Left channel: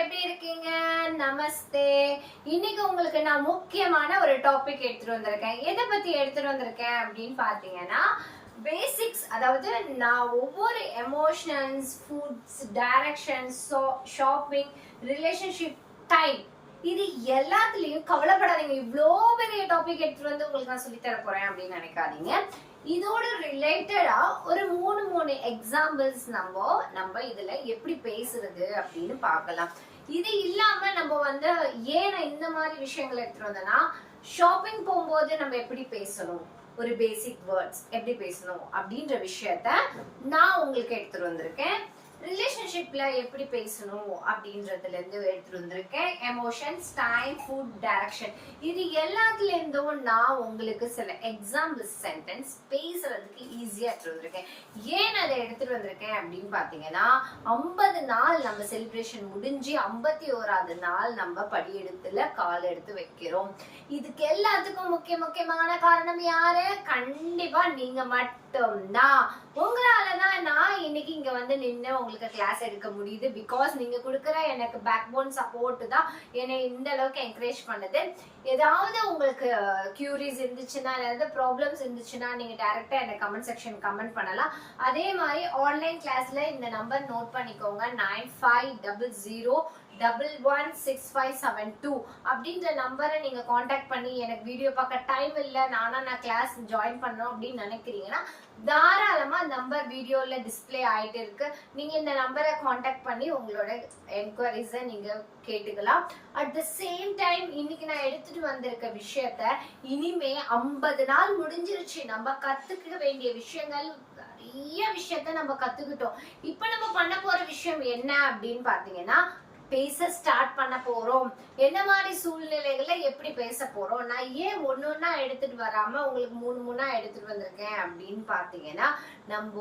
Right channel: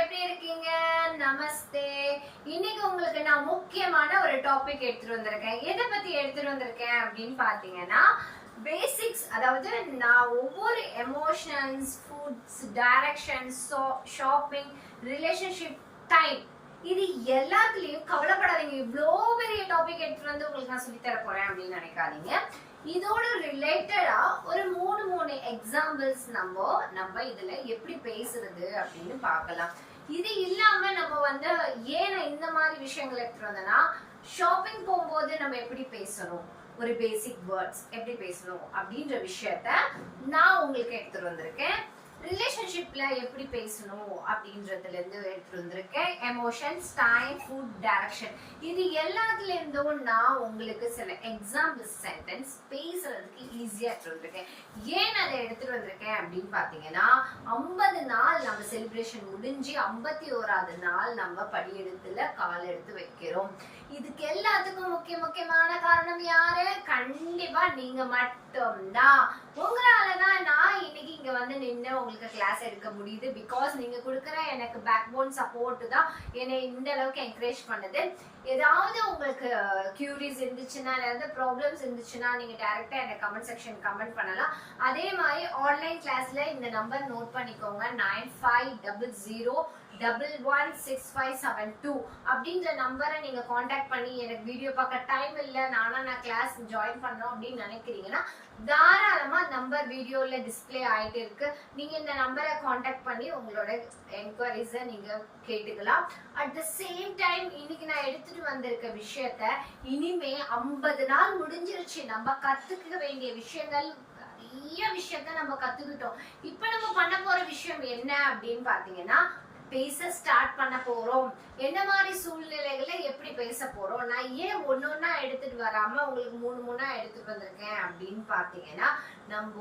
எப்படி இருக்கீங்க? நமஸ்தே. இன்னைக்கு உங்களுக்கு நான் முக்கியமான ஒரு டாபிக் எடுத்துட்டு வந்திருக்கேன். எதை பத்தி எடுத்துட்டு வந்திருக்கேன் அப்படின்னு பாத்தீங்கன்னா பேசிக்ஸ் அதாவது நான் ஒவ்வொரு emotions foods directions shopping relationship time இது எல்லாத்துலயும் கவலைப்படாதீங்க. இவ்வளோ பெரிய டாபிக் எடுத்துட்டு வந்து உங்களுக்கு நான் சொல்லி தர போறேன் அப்படின்னு நினைக்காதீங்க. இதோட ரிலேட்டடா ஒரு மூணு மூணு எக்ஸாம்பிள்ஸ் நம்ம நம்ம இதுல எப்படி பேசுறது அப்படின்னு பார்க்கலாம். இது இல்லாம நம்ம வந்து ஏன் நான் இந்த மாதிரி விஷயங்கள் எடுத்துட்டு வந்தேன்னா ஷாப்பிங் போகும்போது நம்ம எப்படி பேசணும்? ஒரு பேசிக் வேர்ட்ஸ் எப்படி பேசணும்? அப்படின்ற விஷயத்த நான் உங்களுக்கு எடுத்துட்டு வந்திருக்கேன். ரிலேஷன்ஷிப்ல எப்படி பேசணும் அப்படின்றதுல இருந்து எடுத்துட்டு வந்திருக்கேன். எமோஷன்ஸ் டைம் ஃபுட் டைரக்ஷன் இது எல்லாத்துல இருந்தும் நான் உங்களுக்கு சில எக்ஸாம்பிள் சென்டென்ஸ் பேசுறதுக்கு ஈஸியா எடுத்துட்டு வந்திருக்கேன். ஏன் அதை எடுத்துட்டு வந்திருக்கேன் அப்படின்னு பாத்தீங்கன்னா ஐம்பது நாள் நம்ம செலிப்ரேஷன் முடிஞ்சு ஐம்பத்தி ஓராது நாள் நம்ம படியெடுத்துல கால் எடுத்து வைக்கிறோம். இதுக்கு எல்லாத்துக்கும் முக்கிய முக்கியமான காரணம் யாரு? கண்டிப்பா நீங்க மட்டும்தான் உங்களாலதான் நான் இன்னைக்கு இங்க வந்து நின்று உங்களுக்கு கிளாஸ் எடுக்க முடியுது. பிகாஸ் நீங்க கொடுக்குற எனக்கு பேக் போன் சப்போர்ட் தான் என்னை இந்த அளவுக்கு என்கரேஜ் பண்ணுது. ஏதாவது உங்களுக்கு கியூரிஸ் இருந்துச்சுன்னா ஏதாவது ப்ராப்ளம்ஸ் இருந்துச்சுன்னா நீங்க டேரக்டா எனக்கு கமெண்ட் செக்ஷன் கமெண்ட் பண்ணலாம். அதே மாதிரி ஆன்லைன் கிளாஸ்ல இந்த நம்பர் நோட் பண்ணிக்கோங்க. Nine five double zero double one six five seven two அப்படின்ற நம்பரை நீங்க காண்டாக்ட் பண்ணி எனக்கு வீடியோ பார்க்க டைம் இல்லை நானா நான் கிளாஸ் ஜாயின் பண்ணோம் அப்படின்னு நினைக்கிறீங்கன்னா தாராளமா நம்பர் வீடியோல டிஸ்பிளே ஆயிட்டு இருக்கு. நீங்க இந்த நம்பரை காண்டாக்ட் பண்ணி உங்களோட என்கொயரிஸை நீங்க கேட்டுக்கலாம். அட் த சேம் டைம் இன்னைக்கு நான் எடுத்துட்டு வந்திருக்க விஷயத்த இனிமே ஐம்பது நாள் முடிஞ்சிருச்சு. நம்ம கத்துக்க வேண்டிய விஷயங்கள் நிறைய விஷயத்த நம்ம கத்துக்கிட்டோம். இப்ப நம்ம பண்ண போற விஷயம் என்ன அப்படின்னு பாத்தீங்கன்னா பேச ஸ்டார்ட் பண்ண போறோம். என்ன மாதிரி சூழ்நிலைகளை எப்படி பேச போறோம்? நான் ஏன் ஒன்னொன்னா எடுத்துட்டு வராம உங்களுக்கு மூணு மூணா எடுத்துட்டு வந்திருக்கேன் அப்படின்னு பாத்தீங்கன்னா நம்ம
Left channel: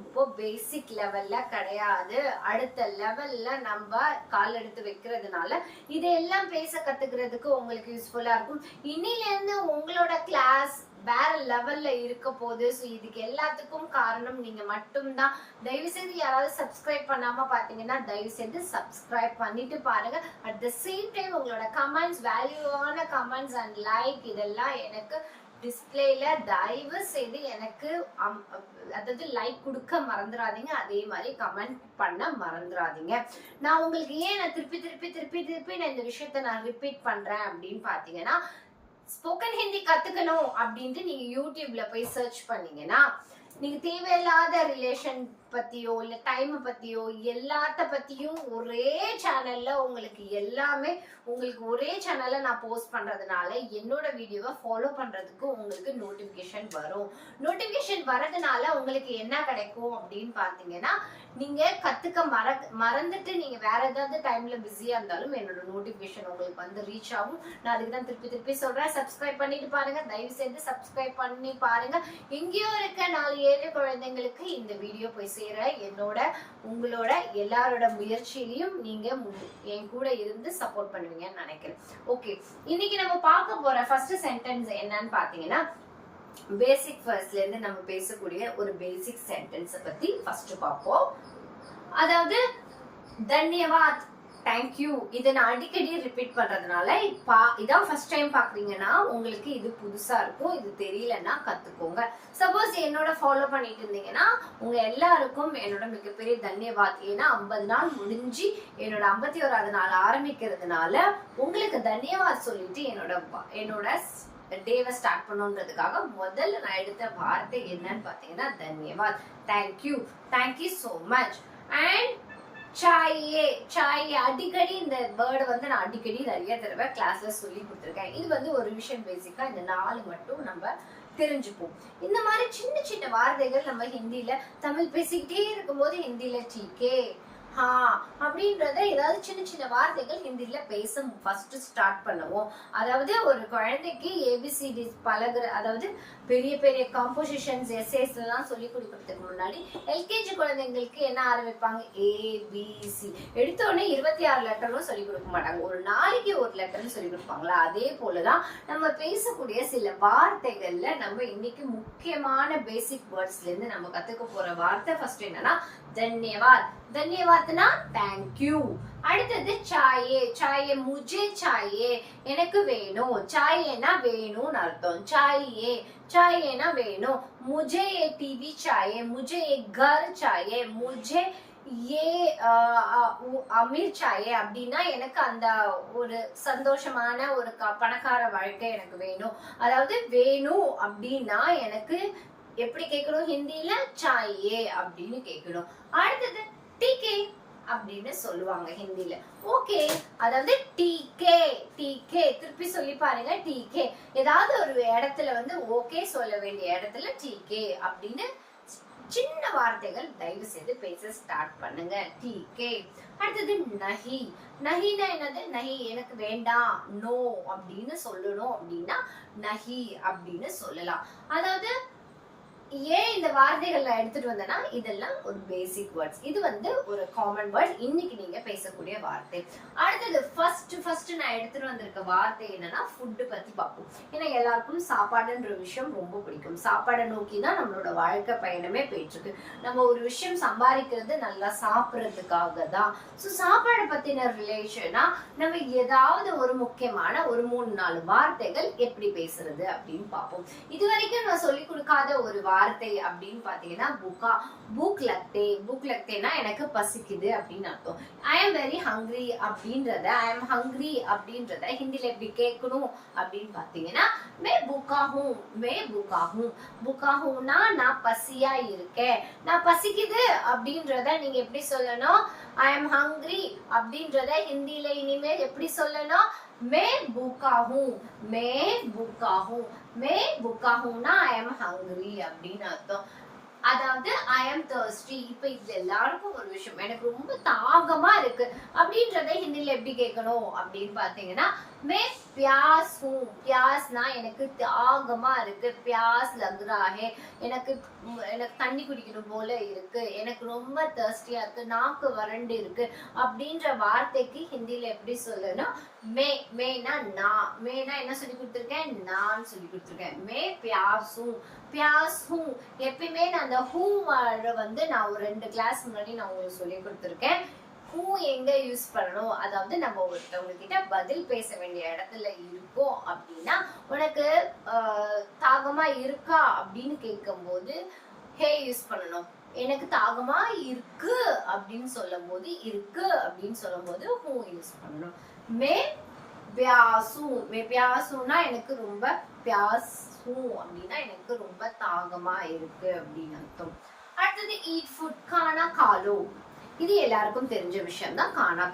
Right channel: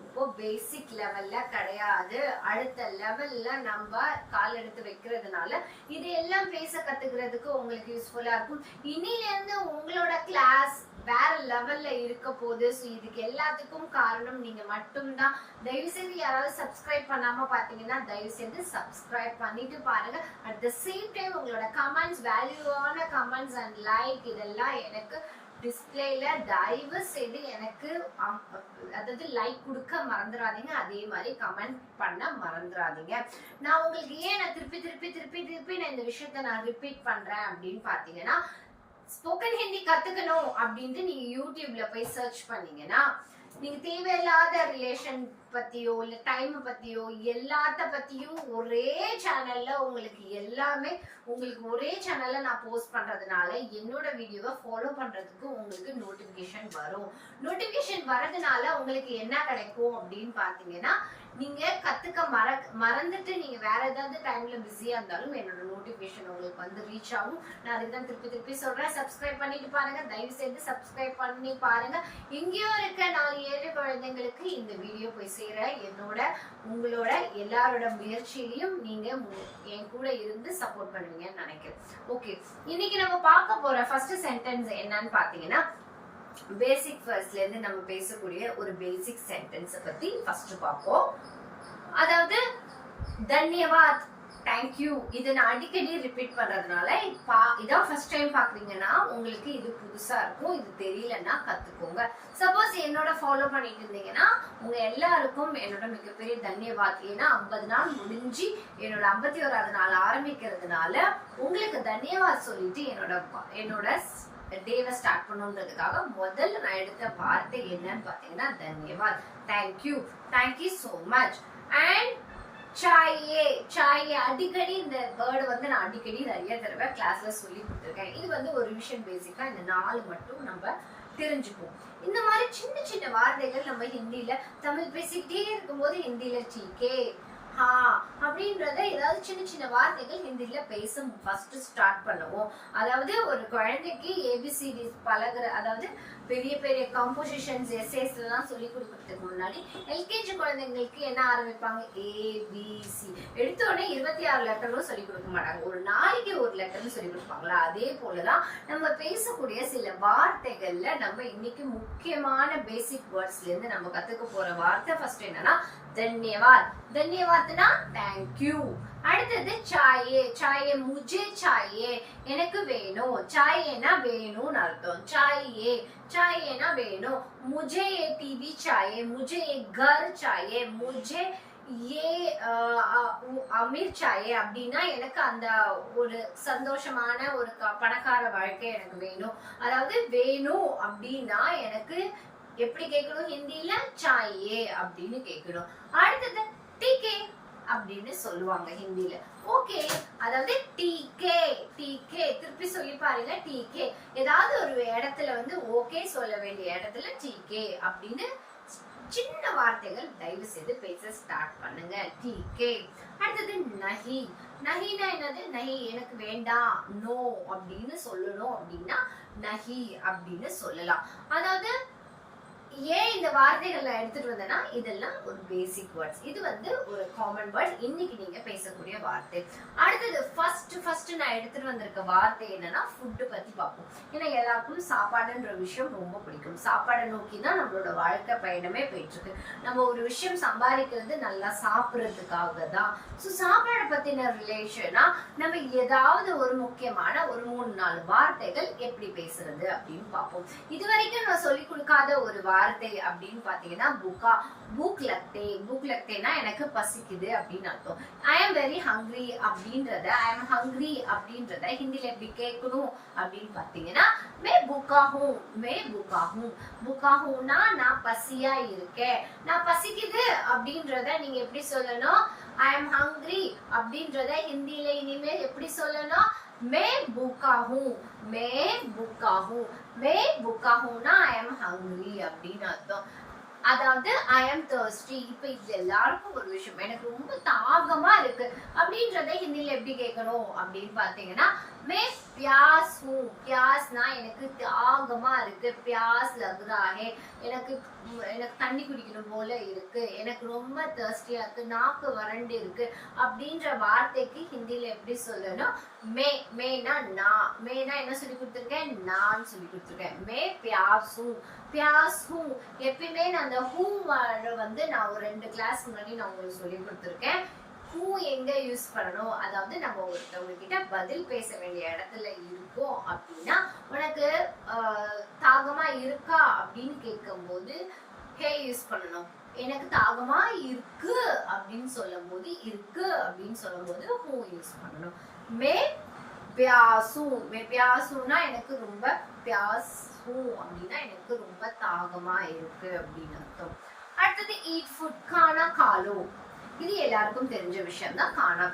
இப்போ பேசிக் லெவல்ல கிடையாது. அடுத்த லெவல்ல நம்ம கால் எடுத்து வைக்கிறதுனால இதையெல்லாம் பேச கத்துக்கிறதுக்கு உங்களுக்கு யூஸ்ஃபுல்லா இருக்கும். இன்னில இருந்து உங்களோட கிளாஸ் வேற லெவல்ல இருக்க போகுது ஸோ இதுக்கு எல்லாத்துக்கும் காரணம் நீங்க மட்டும்தான். தயவு செய்து யாராவது சப்ஸ்கிரைப் பண்ணாம பாத்தீங்கன்னா தயவு செய்து சப்ஸ்கிரைப் பண்ணிட்டு பாருங்க. அட் த சேம் டைம் உங்களோட கமெண்ட்ஸ் வேல்யூவான கமெண்ட்ஸ் அண்ட் லைக் இதெல்லாம் எனக்கு டிஸ்பிளேல தயவு செய்து எனக்கு அம், அதாவது லைக் கொடுக்க மறந்துடாதீங்க அதே மாதிரி கமெண்ட் பண்ண மறந்துடாதீங்க நான் உங்களுக்கு ஏன் நான் திருப்பி திருப்பி திருப்பி திருப்பி நான் இந்த விஷயத்த நான் ரிப்பீட் பண்றேன் அப்படின்னு பாத்தீங்கன்னா ஸ்போக்கன் ஹிந்தி கத்துக்கணும் அப்படின்ட்டு நீங்க யூடியூப்ல போய் சர்ச் பண்ணீங்கன்னா நீங்க தேவையில்லாத ரிலேஷன் பத்தியோ இல்ல டைம் பத்தியோ எல்லாத்த பத்தியும் ஒரே சேனல்ல உங்களுக்கு எல்லாமே உங்களுக்கு ஒரே சேனல்ல நான் போஸ்ட் பண்றதுனால என்னோட வீடியோவை ஃபாலோ பண்றதுக்கு உங்களுக்கு நோட்டிபிகேஷன் வரும். நோட்டிபிகேஷன் வரதுனால உங்களுக்கு என்ன கிடைக்கும் அப்படின்னு பாத்தீங்கன்னா நீங்க கத்துக்க மற மறந்துட்டு நீங்க வேற ஏதாவது டைம்ல பிஸியா இருந்தாலும் என்னோட நோட்டிபிகேஷன் உங்களுக்கு வந்து ரீச் ஆகும். நான் அதுக்கு தான் திருப்பி திருப்பி சொல்றேன். சப்ஸ்கிரைப் பண்ணிட்டு பாருங்க. தயவு செய்து சப்ஸ்கிரைப் பண்ணி பாருங்க. எங்கேயோ இருக்க நாலு ஏழு குழந்தைங்களுக்கு இந்த வீடியோ போய் சேர என்னோட உங்களோட எல்லாரோட முயற்சியிலையும் நீங்க என் கூட இருந்து சப்போர்ட் பண்ணுவீங்கன்னு நினைக்கிறேன். ஓகே இன்னைக்கு நம்ம பார்க்க போற ஃபர்ஸ்ட் சென்டென்ஸ் என்னன்னு பாத்தீங்கன்னா பேசிக் ஃபர்ஸ்ட்ல இருந்து நம்ம பேசக்கூடிய ஒரு பேசிக் சென்டென்ஸை பத்தி ஃபர்ஸ்ட் பார்ப்போம். அதாவது தன்யவாத் தேங்க்யூ இதை நான் அடிக்கடி ரிப்பீட் பண்ணுறதுனால பா இதான் ஃபர்ஸ்ட் டைம் பார்க்குறீங்கன்னா உங்களுக்கு இது புதுசாக இருக்கும் இது தெரியலன்னா கற்றுக்கோங்க சப்போஸ் என்னோட ஃபாலோ பண்ணிட்டு இருந்தீங்கன்னா உங்கள் எல்லாருக்கும் என்னோட மிகப்பெரிய தன்யவாத். ஏன்னா ஐம்பது நாள் முடிஞ்சு என்னோட ஐம்பத்தி ஓராவது நாள் ஆரம்பிக்கிறதுனால உங்களுக்கு தன்யவாத் சொல்லிட்டு என்னோட என்னோட டேவை ஸ்டார்ட் பண்ணுன்றதுக்காக முதல்ல நான் எடுத்த வார்த்தை என்னன்னு பார்த்தீங்கன்னா தன்யவாத். Thank you thank you so much and சாயே சாயே அடிக்கடி இந்த வேர்டு வந்து நான் அடிக்கடி நிறைய தடவை கிளாஸ்ல சொல்லி கொடுத்துருக்கேன். இது வந்து ஒரு விஷயம் பேசிக்கா இந்த நாலு மட்டும் நம்ம தெரிஞ்சுப்போம். இந்த மாதிரி சின்ன சின்ன வார்த்தைகள் நம்ம ஹிந்தில தமிழ் பேசிக்கிட்டே இருக்கும்போது ஹிந்தில டீக்கே ஹா அப்படின்றத ஏதாவது சின்ன சின்ன வார்த்தைகள் ஹிந்தில பேச ஃபர்ஸ்ட் ஸ்டார்ட் பண்ணுவோம். அதாவது ஒரு குழந்தைக்கு ஏபிசிடி பழகுற அதாவது பெரிய பெரிய காம்போசிஷன்ஸ் எஸ்ஏஸ் எல்லாம் சொல்லி கொடுக்கறதுக்கு முன்னாடி எல்கேஜி குழந்தைங்களுக்கு என்ன ஆரம்பிப்பாங்க? ஏபிசி எடுத்த உடனே இருபத்தி ஆறு லெட்டரும் சொல்லி கொடுக்க மாட்டாங்க. ஒரு நாளைக்கு ஒரு லெட்டர்னு சொல்லி கொடுப்பாங்களா? அதே போலதான் நம்ம பேசக்கூடிய சில வார்த்தைகள்ல நம்ம இன்னைக்கு முக்கியமான பேசிக் வேர்ட்ஸ்ல இருந்து நம்ம கத்துக்க போற வார்த்தை ஃபர்ஸ்ட் என்னன்னா தன்யவாத் தன்யவாத்னா தேங்க்யூ அடுத்தது சாயே சாயே முஜே சாயே எனக்கு வேணும் சாயேனா வேணும்னு அர்த்தம் சாயே சாயேனா வேணும் முஜே ये टीवी चाहिए मुझे ये घर चाहिए मुझे ஏ அமீர் சாயே அப்படின்னா எனக்கு அந்த ஒரு சந்தோஷமான ஒரு க- பணக்கார வாழ்க்கை எனக்கு வேணும் அதாவது வேணும் அப்படின்னா எனக்கு எப்படி கேட்கணும் ஹிந்தியில சாயே அப்படின்னு கேட்கணும் அடுத்தது டிகே அப்படின்னு சொல்லுவாங்க ஹிந்தியில. ஓகே அதாவது டிகே டிகே. திருப்பி சொல்லி பாருங்க டிகே. ஏதாவது ஒரு இடத்துல வந்து ஓகே சொல்ல வேண்டிய இடத்துல டிகே அப்படின்னு சின்ன வார்த்தைகள் தயவு செய்து பேச ஸ்டார்ட் பண்ணுங்க. டிகே. அடுத்தது நஹி. நஹினா என்னது? நஹி எனக்கு வேண்டாம். நோ அப்படின்னு சொல்லணும் அப்படின்னா நஹி அப்படின்னு சொல்லலாம். அதாவது ஏன் இந்த வார்த்தைகள் நான் எடுத்துட்டு வந்தேன்னா இதெல்லாம் ஒரு பேசிக் வேர்ட்ஸ் இது வந்து ஒரு காமன் வேர்ட் இன்னைக்கு நீங்க பேசக்கூடிய வார்த்தை. அடுத்தது ஃபர்ஸ்ட் ஃபர்ஸ்ட் நான் எடுத்துட்டு வந்திருக்க வார்த்தை என்னன்னா ஃபுட்டு பத்தி பார்ப்போம். ஏன்னா எல்லாருக்கும் சாப்பாடுன்ற விஷயம் ரொம்ப பிடிக்கும். சாப்பாடை நோக்கி தான் நம்மளோட வாழ்க்கை பயணமே போயிட்டு இருக்கு நம்ம ஒரு விஷயம் சம்பாதிக்கிறது நல்லா சாப்பிடுறதுக்காக தான். ஸோ சாப்பாடை பத்தின ரிலேஷனா நம்ம ஏதாவது ஒரு முக்கியமான ஒரு மூணு நாலு வார்த்தைகள் எப்படி பேசுறது அப்படின்னு பார்ப்போம். இது வரைக்கும் நம்ம சொல்லி கொடுக்காத ஒரு வார்த்தை அப்படின்னு பாத்தீங்கன்னா புக்கா? புக் லக்தே புக் லக்தேனா எனக்கு பசிக்குது அப்படின்னு அர்த்தம். ஐ எம் வெரி ஹங்க்ரி அப்படின்றத ஐ எம் ஹங்க்ரி அப்படின்றத ஹிந்தில எப்படி கேட்கணும் அப்படின்னு பாத்தீங்கன்னா மே புக்காகும் மே புக்காகும். புக்காகும்னா நான் பசியா இருக்கேன். நான் பசிக்குது அப்படின்றத நீங்க எப்படி சொல்லணும்? ஐ எம் ஹங்க்ரி அப்படின்றத ஹிந்தில இனிமேல் எப்படி சொல்லணும்? மே புக்காகும் மே புக்காகும். மே புக்காகும்னா ஐ எம் ஹங்க்ரி அப்படின்னு அர்த்தம். அதாவது ஐ எம் தர்ஸ்டி இப்ப இது எல்லாருக்கும் ஒரு விஷயம். எனக்கு ரொம்ப தாகமா இருக்கு. அப்படின்றத ஹிந்தில எப்படி கேட்கணும் அப்படின்னு பாத்தீங்கன்னா மே பியாஸ் ஹூ. பியாஸ்னா எனக்கு தாகமா இருக்கு. பியாஸ் லக்ராஹே எனக்கு எனக்கு தண்ணி குடிக்கணும் போல இருக்கு. எனக்கு ரொம்ப தேர்ஸ்டியா இருக்கு. நாக்கு வறண்டு இருக்கு. அப்படின்ற வார்த்தைக்கு ஹிந்தில எப்படி சொல்லணும்? மே மேனா நான் மேனா என்ன சொல்லி கொடுத்துருக்கேன்? நான் சொல்லி கொடுத்துருக்கேன். மே பியாசும். பியாஸ் ஹூ எப்பயுமே நான் அந்த ஹூ வந்து நான் ஒரு ரெண்டு கிளாஸ் முன்னாடி நான் உங்களுக்கு சொல்லி கொடுத்துருக்கேன். ஹூ எங்க யூஸ் பண்ணணும்? அதாவது நம்ம ஒருத்தவங்க கிட்ட பதில் பேச வேண்டிய இடத்துல இருக்கோம் அப்படின்னா உனக்கு தாகமா இருக்கா அப்படின்னு கேட்கும்போது ஹே யூஸ் பண்ணணும். எனக்கு தாகமா இருக்கு அப்படின்னு சொல்லும் போது இருக்கு அப்படின்னு சொல்லும் போது ஹூ யூஸ் பண்ணணும். மே பியாசு மே பியாசுனா எனக்கு ரொம்ப பியாசு அப்படின்னா எனக்கு ரொம்ப தாகமா இருக்கு அப்படின்னு அர்த்தம். அடுத்தது ஈட் ஃபுட் கானா காலு. இது எல்லாருக்கும் தெரிஞ்ச விஷயம் தான் கானா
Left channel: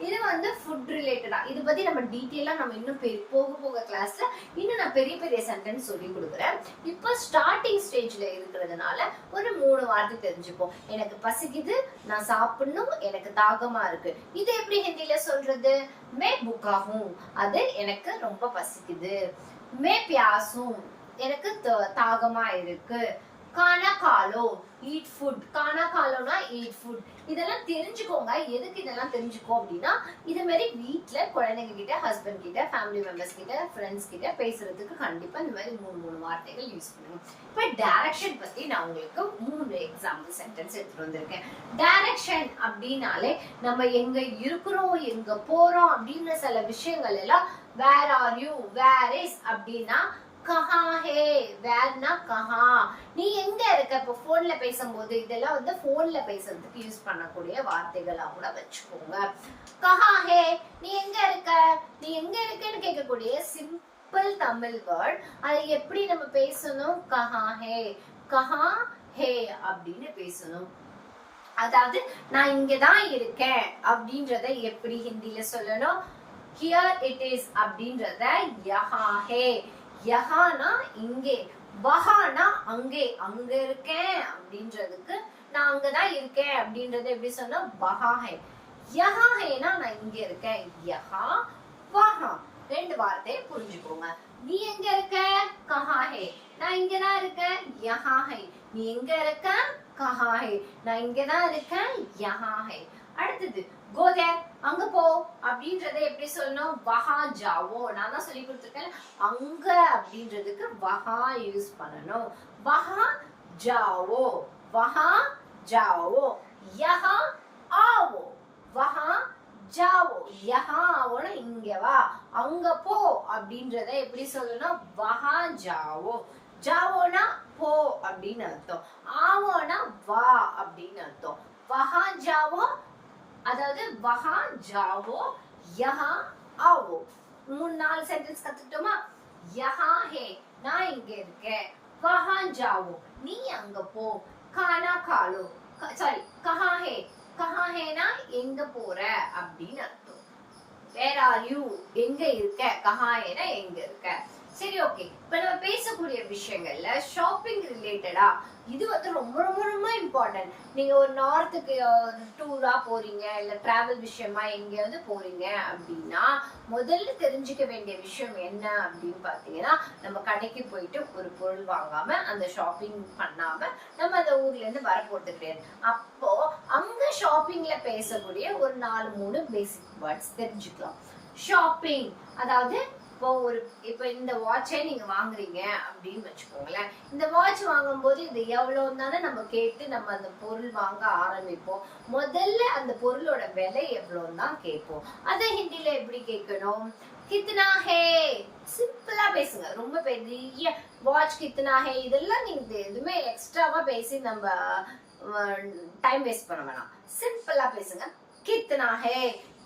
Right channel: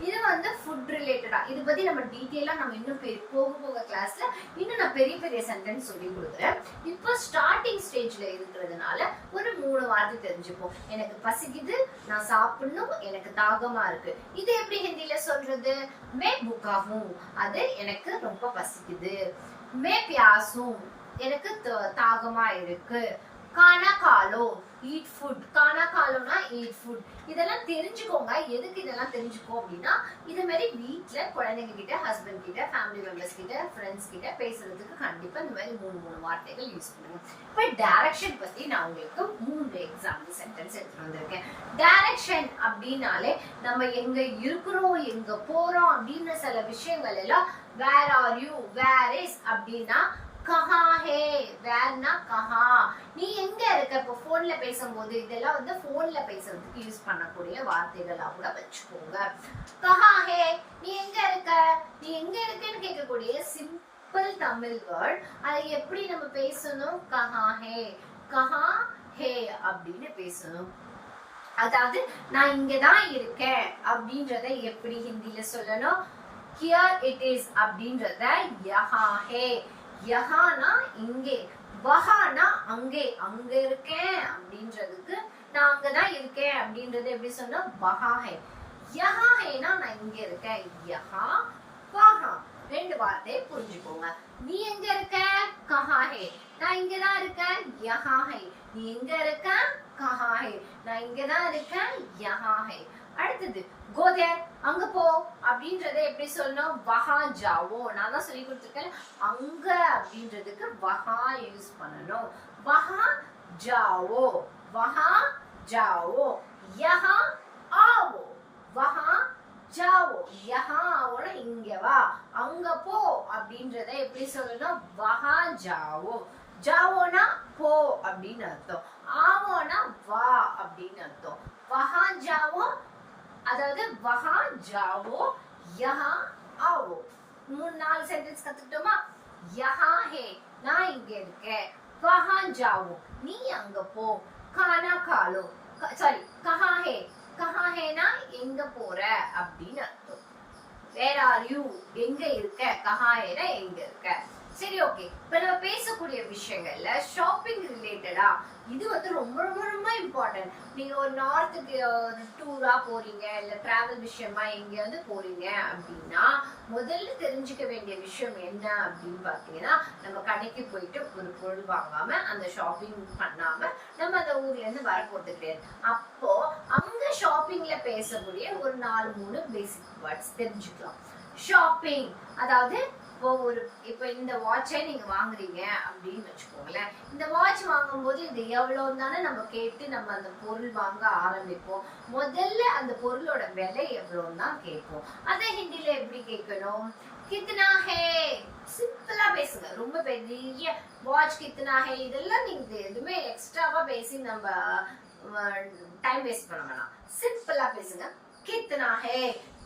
இது வந்து ஃபுட் ரிலேட்டடா இது பத்தி நம்ம டீட்டெயிலா நம்ம இன்னும் பெ- போக போக கிளாஸ்ல இன்னும் நான் பெரிய பெரிய சென்டென்ஸ் சொல்லி கொடுக்குறேன். இப்போ ஸ்டார்டிங் ஸ்டேஜ்ல இருக்கிறதுனால ஒரு மூணு வார்த்தை தெரிஞ்சுப்போம். எனக்கு பசிக்குது நான் சாப்பிடணும் எனக்கு தாகமா இருக்கு. இது எப்படி ஹிந்தியில சொல்றது? மே புக்காகும் அது எனக்கு ரொம்ப பசிக்குது. மே பியாசும் எனக்கு தாகமா இருக்கு. கானா காலோ ஈட் ஃபுட் கானா காலோனா ஈட் ஃபுட் இதெல்லாம் தெரிஞ்சுக்கோங்க. எதுக்கு இதெல்லாம் தெரிஞ்சுக்கோ அப்படின்னா இது மாதிரி வீட்ல குழந்தைங்க கிட்ட ஹஸ்பண்ட் கிட்ட ஃபேமிலி மெம்பர்ஸ் கிட்ட ஃப்ரெண்ட்ஸ் கிட்ட பேசுறதுக்கு கண்டிப்பா இந்த மாதிரி மூணு மூணு வார்த்தைகள் யூஸ் பண்ணுங்க. இப்போ டைரக்ஷன் பத்தி நான் உங்களுக்கு மூணு எக்ஸாம்பிள் சென்டென்ஸ் எடுத்துட்டு வந்திருக்கேன். டைரக்ஷன் அப்படின்னாலே நம்ம எங்க இருக்கிறோம் எங்க போறோம் அப்படின்னு சில விஷயங்கள் எல்லாம் where are you where is அப்படின்னா கஹா ஹே வேர்னா கஹா. நீ எங்க இருக்க? இப்போ போன்ல பேசும்போது இதெல்லாம் வந்து போன்ல பேசுறதுக்கு யூஸ் பண்ணக்கூடிய வார்த்தைகளா கூட வச்சுக்கோங்க. கஹா ஹே நீ எங்க இருக்க? நீ எங்க இருக்கன்னு கேட்கக்கூடிய சிம்பிள் தமிழ் வேர்ட் அதை எப்படி நம்ம பேசணும்? கஹா ஹே கஹா ஹே அப்படின்னு பேசணும். அதாவது நான் இங்கதான் இருக்கேன் அப்படின்றத எப்படி ஹிந்தியில சொல்லணும்? ஹியர் இட் இஸ் அப்படின்றத யஹா ஹே யஹானா இங்கே வஹானா அங்கே அங்க இருக்கேன் அப்படின்றதுக்கு நான் அங்கதான் இருக்கேன் அப்படின்றத எப்படி சொன்னா வஹா யஹாஹேனா யஹா ஹேனா நான் இங்க இருக்கேன். யஹா வஹா. ரெண்டு வார்த்தையை புரிஞ்சுக்கோங்க. நீ எங்க இருக்க? கஹாஹே. நான் இங்கதான் இருக்கேன். யஹாஹே. நீ எங்க இருக்க? கஹா ஹே நான் இங்கதான் இருக்கேன் யஹா ஹே அடுத்தது கோதர் அங்க போ அப்படின்றத எப்படி சொல்லணும்? வஹா ஜாவோ. நான் தான் சொல்லி கொடுத்துருக்கேன். அங்க அப்படின்றதுக்கு வஹா யூஸ் பண்ணணும். வஹா ஜாவோ. வஹா ஜாவோ. யஹா ஆவோ. வஹா ஜாவோ. யஹா ஆவோனா இங்க வா. அங்க போ அப்படின்றத எப்படி சொல்லணும்? வஹா ஜாவோ. ஜாவோனா போ அப்படின்னு அர்த்தம். ஆவோனா வா அப்படின்னு அர்த்தம். வஹா ஜாவோ அதாவது வஹா ஜாவோ யஹா ஆவோ. மூணு நாலு சென்டென்ஸ் கத்துக்கிட்டோமா? யஹா ஹே நான் இங்க இருக்கேன். வஹா ஜாவோ நீ அங்க போ. கானா காலோ. சாரி கஹா ஹே. கஹா ஹேனா எங்க போற? அப்படின்னு அர்த்தம். வேர் ஆர் யூ எங்க இருக்க? கஹா ஹேனா எங்க இருக்க? சரி ஓகே இப்ப நம்ம பேசக்கூடிய விஷயங்கள்ல ஷாப்பிங் ரிலேட்டடா இது வந்து ரொம்ப ரொம்ப ரொம்ப இம்பார்ட்டன்ட் நீங்க ஒரு நார்த்துக்கு ஒரு டூரா போறீங்க இல்ல டிராவல் விஷயமா எங்கேயாவது போறீங்க அப்படின்னா முதல்ல தெரிஞ்சுக்க வேண்டிய விஷயம் என்ன அப்படின்னு பாத்தீங்கன்னா நம்ம கடைக்கு போயிட்டு ஒரு பொருள் வாங்காம அந்த ஷாப்பிங் பண்ணாம நம்ம அந்த ஊர்ல இருந்து வர போட்டுட்டு அப்போ அங்க ஷாப்பிங்ல பேசக்கூடிய ஒரு நாலு மூணு பேசிக் வேர்ட்ஸ் தெரிஞ்சுக்கலாம். ஷாப்பிங் அதாவது இப்போ ஒரு இப்போ இந்த வாட்சை நீங்க வாங்குறீங்க அப்படின்னு வச்சுக்கோங்களேன். இந்த வாட்ச் வாங்கும்போது இது எவ்வளவு தானே நம்ம கேட்டு நம்ம அந்த பொருள் வாங்க ஆரம்பிப்போம். முதல்ல அந்த பொருளோட விலை எவ்வளோன்னு தான் கேட்போம். அதை ஹிந்தில எப்படி கேட்கணும்? கித்னா ஹே! சிம்பிளா பேசுங்க. ரொம்ப பெரிய வாட்ச் கித்னா ஹே. இதெல்லாம் நீங்க எதுவுமே எக்ஸ்ட்ராவா பேசி நம்ம டைம் வேஸ்ட் பண்ண வேணாம். சிம்பிளா பேசுங்க. கித்னா ஹே!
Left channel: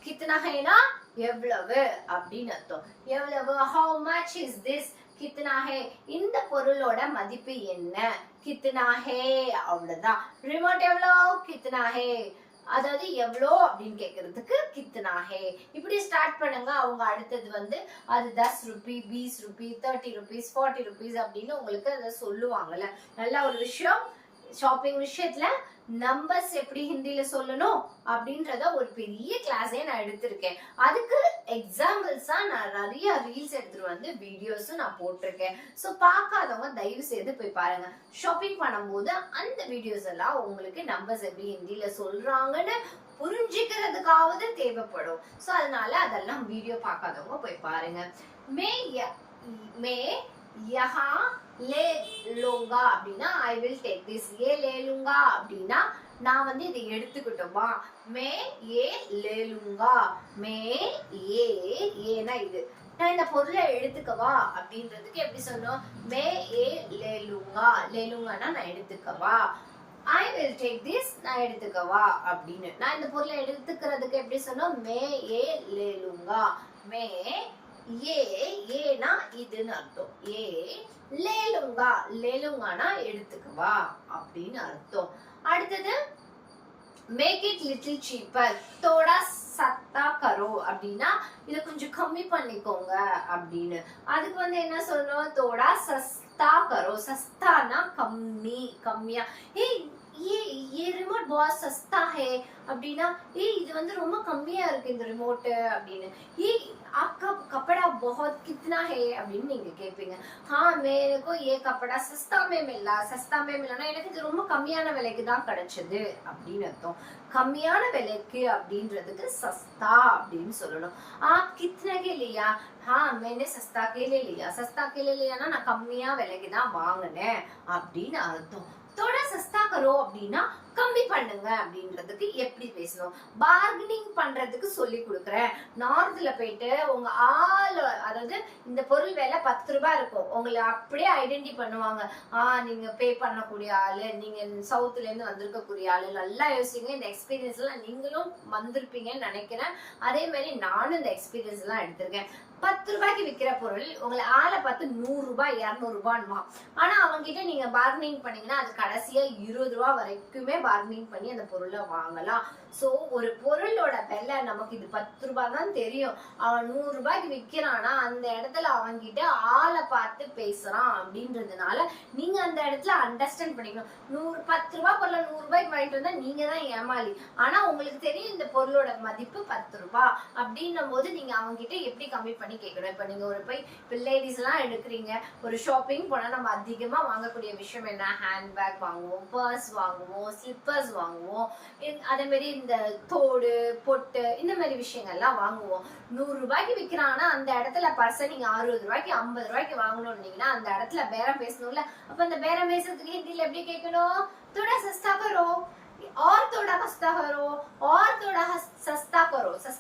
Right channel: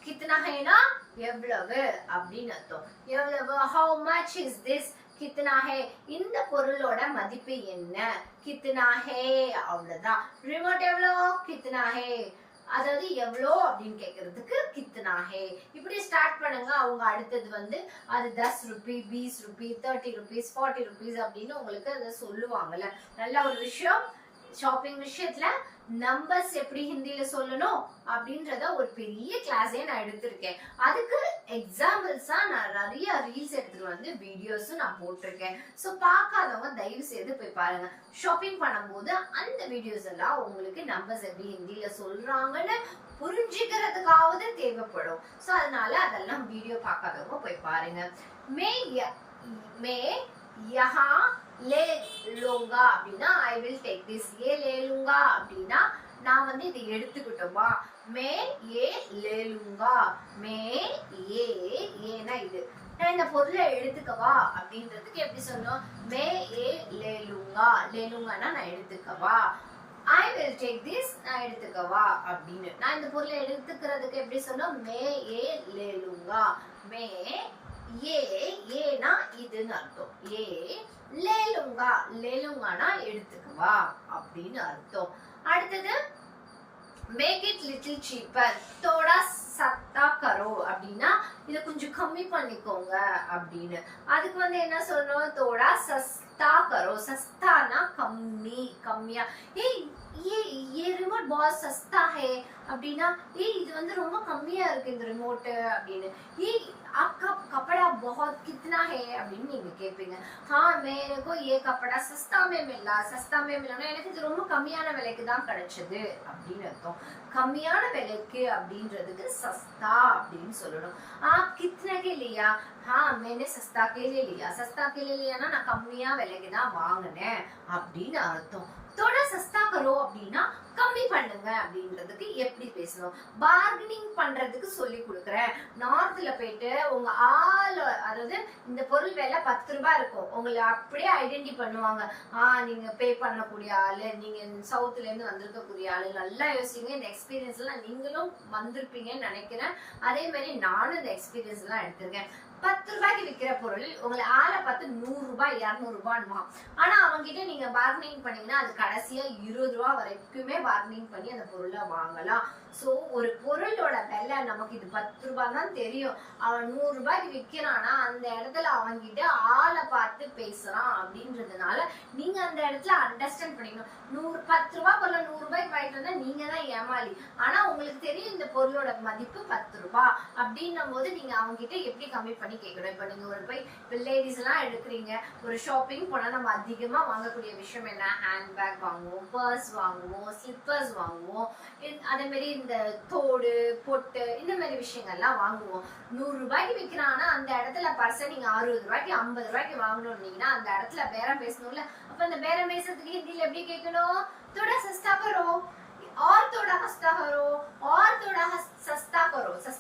கித்னா ஹேனா எவ்வளவு? அப்படின்னு அர்த்தம். எவ்வளவு? ஹவு மச் இஸ் திஸ் கித்னா ஹே இந்த பொருளோட மதிப்பு என்ன? கித்னா ஹே அவ்வளவுதான். ரிமோட் எவ்வளோ? கித்னா ஹே அதாவது எவ்வளோ அப்படின்னு கேட்கறதுக்கு கித்தனா ஹே இப்படி ஸ்டார்ட் பண்ணுங்க. அவங்க அடுத்தது வந்து அது தஸ் rupee piece rupee thirty rupees forty rupees அப்படின்னு உங்களுக்கு அதை சொல்லுவாங்கல்ல. நல்ல ஒரு விஷயம். ஷாப்பிங் விஷயத்துல நம்பர்ஸ் எப்படி ஹிந்தியில சொல்லணும் அப்படின்றத ஒரு பெரிய கிளாஸே நான் எடுத்திருக்கேன். அதுக்கு எக்ஸாம்பிள்ஸா நான் நிறைய ரீல்ஸ் எடுத்துட்டு வந்து வீடியோஸும் நான் போட்டிருக்கேன். ஸோ பார்க்காதவங்க தயவு செய்து போய் பாருங்க. ஷாப்பிங் பண்ணும்போது அந்த வீடியோஸ் எல்லாம் உங்களுக்கு நம்பர்ஸ் எப்படி ஹிந்தியில சொல்றாங்கன்னு புரிஞ்சுக்கிறதுக்காவது தேவைப்படும். ஸோ அதனால அதெல்லாம் வீடியோ பார்க்காதவங்க போய் பாருங்க. மே ய- மே யஹா லே லோங்கா அப்படின்னா ஐ வில் டேக் திஸ் ஏ லே லுங்கா அப்படின்னா நான் வந்து இதை எடுத்துக்கிட்டோமா? மே ஏ லே லுங்கா மே ஏ ஏனா இது. நான் இந்த பொருளை எடுத்துக்கவா அப்படின்றதுக்கு எப்படி சொன்னோம்? மே ஏ லே லுங்கா லே லுங்கானா நான் எடுத்துக்கவா? ஐ வில் டேக் திஸ் நான் எடுத்துக்கவா? அப்படின்னு. நான் இந்த பொருளை எடுத்துக்கிறதுக்கு எப்படி சொன்னோம்? மே ஏ லே லுங்கா மே ஏ ஏனா இதுன்னு அர்த்தம். ஏ லேலுங்கா. லேலுங்கானா எடுத்துக்குவா அப்படின்னு அர்த்தம். அடுத்தது மேக் இட் லிட்டில் சீப்பர் தோடா சத்தா கரு அப்படின்னா இதை கொஞ்சம் கம்மி பண்ணிக்கோங்க அப்படின்னு. அதுக்கு வந்து என்ன சொல்லணும்? தோடா சஸ்தா கரு. சஸ்தானா கம்மி கம்மியா. ஏ ஏ எரும बहुत सस्ता है அப்படின்னா ஏய் இது வந்து ரொம்ப கம்மியா இருக்கு இந்த ரிமோட் அப்படின்னு ஏய் आपका कपड़ा बहुत कितना है அப்படின்னு நீங்க கேட்பீங்க हाँ मेरे को ये कपड़ा सस्ता में मिला सस्ता में मिला எனக்கு இது ரொம்ப கம்மியான விலைக்கு தான் கிடைச்சது அப்படின்னு அர்த்தம் கம்மியான விலைக்கு அப்படின்றதுக்கு சஸ்தா அப்படின்னு சொல்லணும் ஆ கித்னா के लिया हाँ मैंने सस्ता के लिए लिया सस्ता के लिए लिया நான் கம்மியா விலைக்கு தான் வாங்கினேன் அப்படின்னு அர்த்தம் தொட சஸ்தா கரோ அப்படின்னா கம்மி பண்ணுங்க அப்படின்றதுக்கு எப்படி பேசணும்? பார்கனிங் பண்றதுக்கு சொல்லி கொடுக்குறேன். நார்த்ல போயிட்டு உங்க ஆள் அதாவது இந்த பொருள் விலை பத்து ரூபாய் இருக்கும். உங்களை அப்படியே ஐடென்டி பண்ணுவாங்க. ஆ நீங்க பே பண்ணக்கூடிய ஆளு நீங்க சவுத்துல இருந்து வந்திருக்கக்கூடிய ஆளு நல்லா யோசிங்க. இந்த எக்ஸ்பீரியன்ஸ் எல்லாம் நீங்களும் வந்திருப்பீங்கன்னு நினைக்கிறேன். அதே மாதிரி நானும் இந்த எக்ஸ்பீரியன்ஸ் எல்லாம் எடுத்திருக்கேன். பத்து ரூபாய்க்கு விற்கிற பொருள் உங்களை ஆளை பார்த்து நூறு ரூபாய் இரநூறு ரூபான்மா ஆனா அவங்க கிட்ட நீங்க பார்கனிங் பண்ணீங்கன்னா அது கடைசியா இருபது ரூபாய் வரைக்குமே பார்கனிங் பண்ணி அந்த பொருளை வாங்கலாம். சோ ஒரு பொருளோட விலை நமக்கு இது பத்து ரூபாய் தான் தெரியும். அவன் நூறு ரூபாய்க்கு விக்கிறானா அந்த இடத்துல அவன்கிட்ட ஆளை பார்த்து பேசுறான் அப்படின்றதுனால நீங்க அந்த இடத்துல அண்டர்ஸ்டாண்ட் பண்ணிக்கணும். நூறு பத்து ரூபாய் பொருளை நூறு ரூபாய்க்கு வாங்கிட்டு வந்தா நீங்க தான் ஏமாளி. ஆனா உங்களுக்கு தெரியும் இந்த பொருளோட மதிப்பு பத்து ரூபாய் அப்படின்னும் போது நீங்க அவங்க கிட்ட எப்படி கம்மி பண்ணி கேட்கணும் இப்ப நீங்க ஒரு போய் இப்போ லேடிஸ் எல்லாம் எடுக்கிறீங்க ஒரு ஷாப்பிங் போனா நம்ம அதிகமா வாங்கக்கூடிய விஷயம் என்ன ஹேண்ட்பேக் வாங்குவோம் பர்ஸ் வாங்குவோம் ஸ்லிப்பர்ஸ் வாங்குவோம் இந்த- அதே மாதிரி இந்த தோடு பொட்டு இந்த மாதிரி விஷயங்கள்லாம் வாங்குவோம் நூறு ரூபாய்க்கு விற்கிறாங்கன்னா அந்த இடத்துல பர்ஸை நீங்க அறுபது ரூபாய்க்கு ஐம்பது ரூபாய்க்கு வாங்கணும்னீங்கன்னா அந்த இடத்துல பேரம் பேசணும்ல அப்ப அந்த பேரம் பேசுறதுக்கு ஹிந்தில எப்படி கேட்கணும் தோட சஸ்தா கரோ और थोड़ा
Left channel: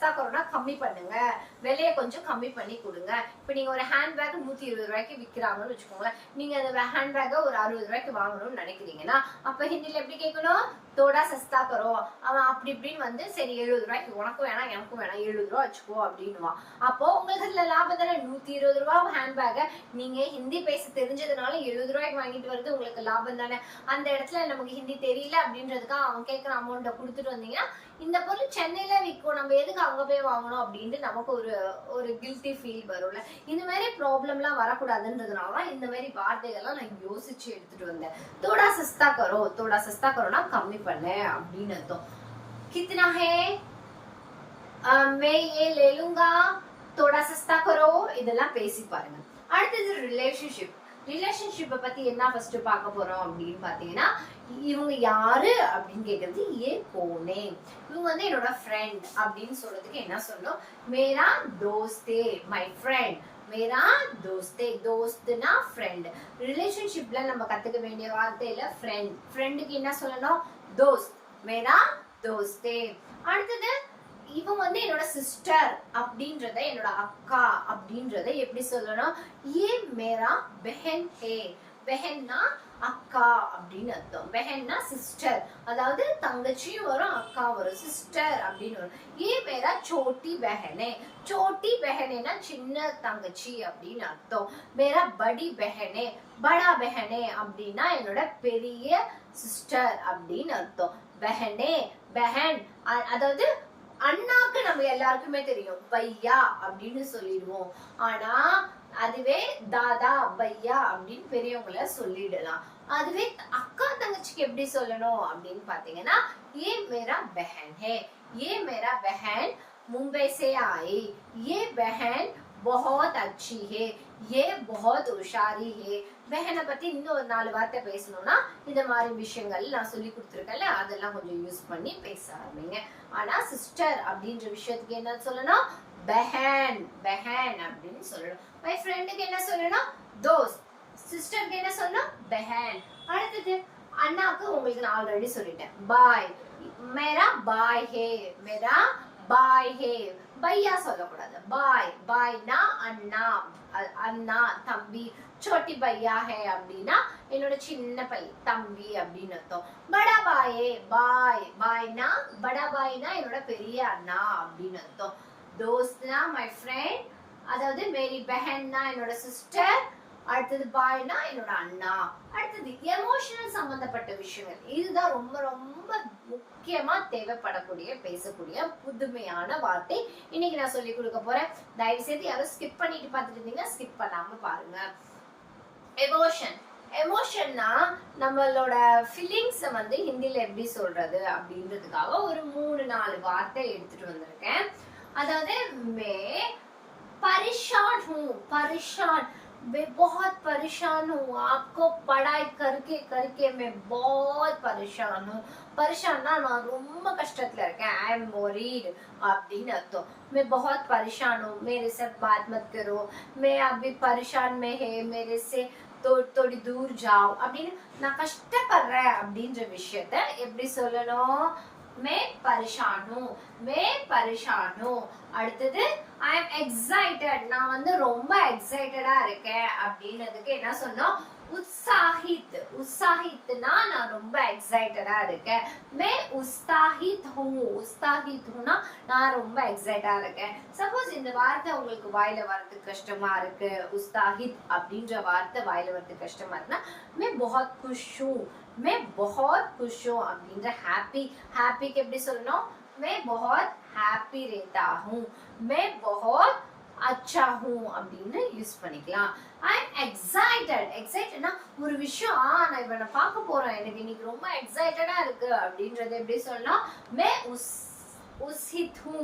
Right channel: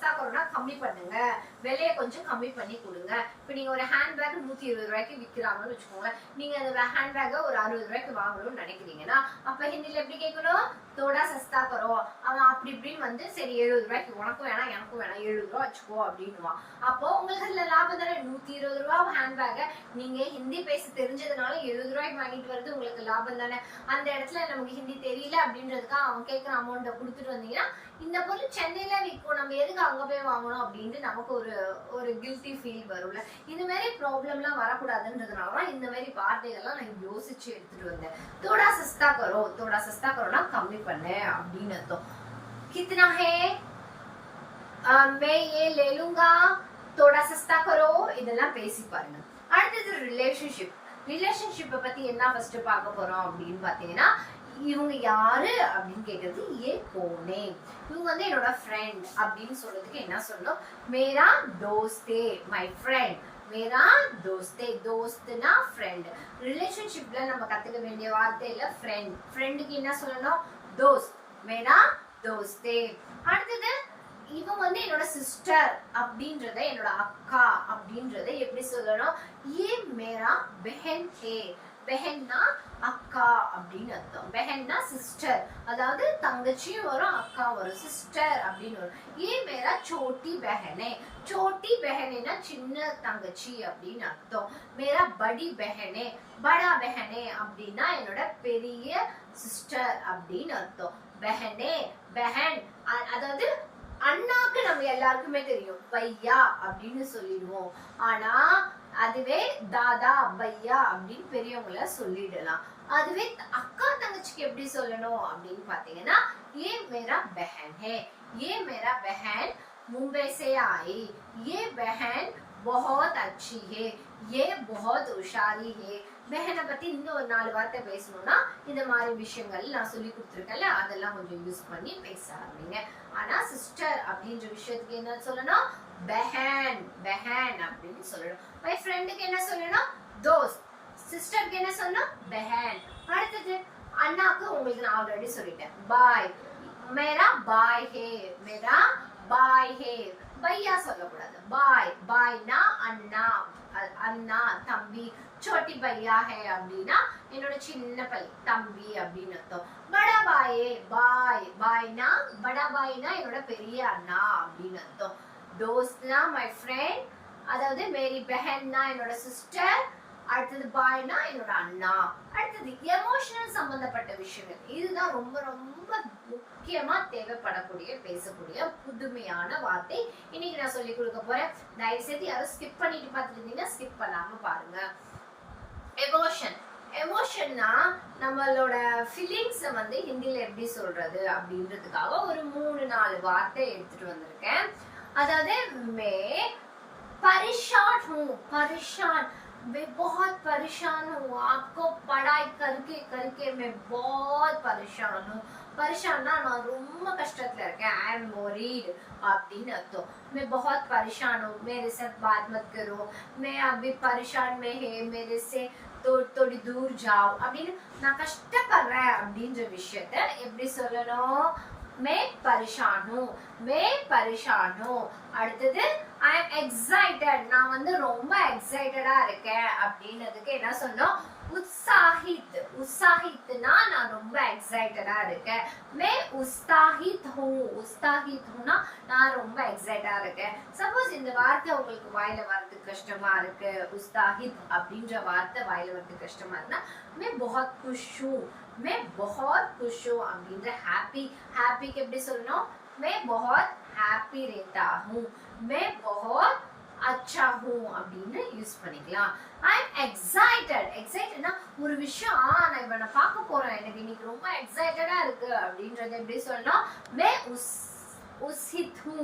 எக்ஸ்ட்ரா கொரோனா கம்மி பண்ணுங்க. விலையை கொஞ்சம் கம்மி பண்ணி கொடுங்க. இப்ப நீங்க ஒரு ஹேண்ட்பேக் நூத்தி இருபது ரூபாய்க்கு விற்கிறாங்கன்னு வச்சுக்கோங்க நீங்கள் அந்த ஹேண்ட்பேக்கை ஒரு அறுபது ரூபாய்க்கு வாங்கணும்னு நினைக்கிறீங்கன்னா அப்ப ஹிந்தில எப்படி கேட்கணும்? தோடா சஸ்தா கரோ அவன் அப்படி இப்படின்னு வந்து சரி எழுபது ரூபாய்க்கு உனக்கும் வேணாம் எனக்கும் வேணாம் எழுபது ரூபா வச்சுக்கோ அப்படின்னுவான் அப்போ உங்களுக்கு அதுல லாபம் தானே? நூத்தி இருபது ரூபா ஹேண்ட் பேக்கை நீங்க ஹிந்தி பேச தெரிஞ்சதுனால எழுபது ரூபாய்க்கு வாங்கிட்டு வருது உங்களுக்கு லாபம் தானே? அந்த இடத்துல நமக்கு ஹிந்தி தெரியல அப்படின்றதுக்காக அவன் கேட்குற அமௌண்ட்டை கொடுத்துட்டு வந்தீங்கன்னா இந்த பொருள் சென்னையில விற்கும் நம்ம எதுக்கு அங்க போய் வாங்கணும் அப்படின்ட்டு நமக்கு ஒரு ஒரு கில்ட்டி ஃபீல் வரும்ல. இந்த மாதிரி ப்ராப்ளம்லாம் வரக்கூடாதுன்றதுனால தான் இந்த மாதிரி வார்த்தைகள்லாம் நான் யோசிச்சு எடுத்துட்டு வந்தேன். தோடா சஸ்தா கரோ தோடா சஸ்தா கரோனா கம்மி பண்ணேன் அப்படின்னு அர்த்தம் கித்னா ஹே மே ஏ லேலுங்கா தோடா சஸ்தா கரோ இதெல்லாம் பேசி பாருங்க அடுத்தது ரிலேஷன்ஷிப் ரிலேஷன்ஷிப்பை பத்தி என்ன ஃபர்ஸ்ட் பார்க்க போறோம் அப்படின்னு பாத்தீங்கன்னா இவங்க யாரு அப்படின்னு கேக்குறது ஏ போனே இவங்க வந்து என்னோட ஃப்ரெண்ட் அப்படின்னு சொல்றதுக்கு என்ன சொல்லணும் மேரா தோஸ்தே மை ஃப்ரெண்ட் மேரா தோஸ்தே தோஸ்துனா ஃப்ரெண்ட் ரிலேஷன்ஷிப்ல நம்ம கத்துக்க வேண்டிய வார்த்தையில ஃப்ரெண்ட் ஃப்ரெண்டுக்கு என்ன சொல்லணும் தோஸ்த் மேரா தோஸ்தே. அடுத்தது இவங்க வந்து என்னோட சிஸ்டர் அப்படின்றத என்னோட அக்கா அப்படின்றத எப்படி சொல்லணும்? ஏ மேரா பெஹன் ஹே. பெஹன்னா அக்கா அப்படின்னு அர்த்தம். பெஹன்னா சிஸ்டர் அதாவது தங்கச்சியும் வரும் அக்கா வரும். சிஸ்டர் அப்படின்னு வரும். ஏ மேரா சோட்டி பெஹனே. சோட்டி பெஹனேனா சின்ன தங்கச்சி அப்படின்னு அர்த்தம். மேரா படி பெஹனே. படா பெஹனே அப்படின்னா என்னோட பெரிய சிஸ்டர் அப்படின்னு அர்த்தம். பெஹனே பெஹன். அதாவது அண்ணாக்கு நம்ம எல்லாருக்குமே தெரியும். பையா அப்படின்னு சொல்லிடுவோம். ஆனா அதுவே தாதா அவ்வையா அப்படின்னு பெரியவங்கள சொல்லிடலாம். அதுவே அக்கா தங்கச்சிக்கு எப்படி சொல்லணும் அப்படின்னு பாத்தீங்கன்னா ஏ மேரா பெஹன் ஹே. ஏ மேரா பெஹன் மும்பை சே ஆயி. ஏ பெஹன் பஹத் அச்சி ஹே. ஏ பஹத் உஷாரி ஹே. பெஹனை பத்தி இன்னும் ஒரு நாலு வார்த்தை பேசணும்னா இந்த மாதிரி விஷயங்கள் நான் சொல்லி கொடுத்துருக்கேன்ல அதெல்லாம் கொஞ்சம் யூஸ் பண்ணி பேச ஆரம்பிங்க. ஆனா சிஸ்டர் அப்படின்ற விஷயத்துக்கு என்ன சொல்லணும்? பெஹன் பெஹன் அப்படின்னு சொல்லணும். மை ஃப்ரெண்டுக்கு என்ன சொல்லணும்? தோஸ். சிஸ்டருக்கு என்ன சொல்லணும்? பெஹன். அடுத்தது அண்ணாக்கு உங்களுக்கு நான் ஆல்ரெடி சொல்லிட்டேன். பாய். மேரா பாய் ஹே. மேரா பாய் ஹே. பையா சொல்லக்கூடாது. பாய். பாய்னா அண்ணா. அண்ணா தம்பி. சோட்டி பையா ஹே அப்படின்னா என்னோட சின்ன பை தம்பி அப்படின்னு அர்த்தம். படா பாயே. பாய். பாய்னா படா பாய்னா என்னோட பெரிய அண்ணா அப்படின்னு அர்த்தம். தோஸ்த்னா மை ஃப்ரெண்ட் அதாவது மேரி பெஹன்னா என்னோட சிஸ்டர் அடுத்தது பாய்னா என்னோட அண்ணா. அடுத்தது எமோஷனல் சம்பந்தப்பட்ட விஷயங்கள். இதுதான் ரொம்ப ரொம்ப முக்கியமா தேவைப்படக்கூடிய பேசக்கூடிய புதுமையான வார்த்தை. இன்னைக்கு நான் சொல்லி கொடுக்க போறேன். தயவு செய்து யாரும் ஸ்கிப் பண்ணிட்டு பார்த்துருந்தீங்கன்னா ஸ்கிப் பண்ணாம பாருங்க. எமோஷன் எமோஷன்னா நம்மளோட ஃபீலிங்ஸை வந்து ஹிந்தியில் எப்படி சொல்றது அப்படின்றதுக்காக ஒரு மூணு நாலு வார்த்தை எடுத்துட்டு வந்திருக்கேன். அதாவது மே परेशान हूँ परेशान मैं बहुत परेशान हूँ आपको पढ़ाई करके करके मैं बहुत परेशान हूँ परेशान நான் ரொம்ப கஷ்டத்துல இருக்கேன் आई एम worried அப்படின்னு அர்த்தம் मैं बहुत परेशान हूँ मेरे साथ बात मत करो मैं अभी परेशान में है मेरे से तो थोड़ी दूर जाओ அப்படின்னு நான் கஷ்டப்படுறேன் அப்படின்ற விஷயத்த எப்படி சொல்லணும் மே பரிஷானோ மே பரிஷானோ. அடுத்தது ஐ எம் எக்ஸைட்டட் நான் வந்து ரொம்ப எக்ஸைட்டடா இருக்கேன் அப்படின்னதுக்கு என்ன சொன்னோம்? உற்சாகித் உற்சாகித்னா நான் ரொம்ப எக்ஸைட்டடா இருக்கேன். மே உஸ்தாகித் ஹூ. உஸ்தாகித் ஹூனா நான் ரொம்ப எக்ஸைட்டா இருக்கேன். சப்போஸ் இந்த வார்த்தை உங்களுக்கு வாயில வரது கஷ்டமா இருக்கு. உஸ்தாகித் அப்படின்ற வார்த்தை வாயில வரது கஷ்டமா இருக்குன்னா மே பஹத் குஷ் ஹூ मैं बहुत खुश हूँ அப்படின்ற ஹாப்பி ஹாப்பிக்கு எப்படி சொல்லணும் मैं बहुत हैप्पी रहता हूँ मैं बहुत अच्छा हूँ அப்படின்னு யூஸ் பண்ணிக்கலாம் ஐ எம் எக்ஸைட்டட் எக்ஸைட்டட்னா ஒரு விஷயம் ஆ நான் இவனை பார்க்க போறேன் எனக்கு இன்னைக்கு ரொம்ப எக்ஸைட்டடா இருக்கு அப்படின்றத எப்படி சொல்லணும் மே உஸ் உஸ்ஹித் ஹூ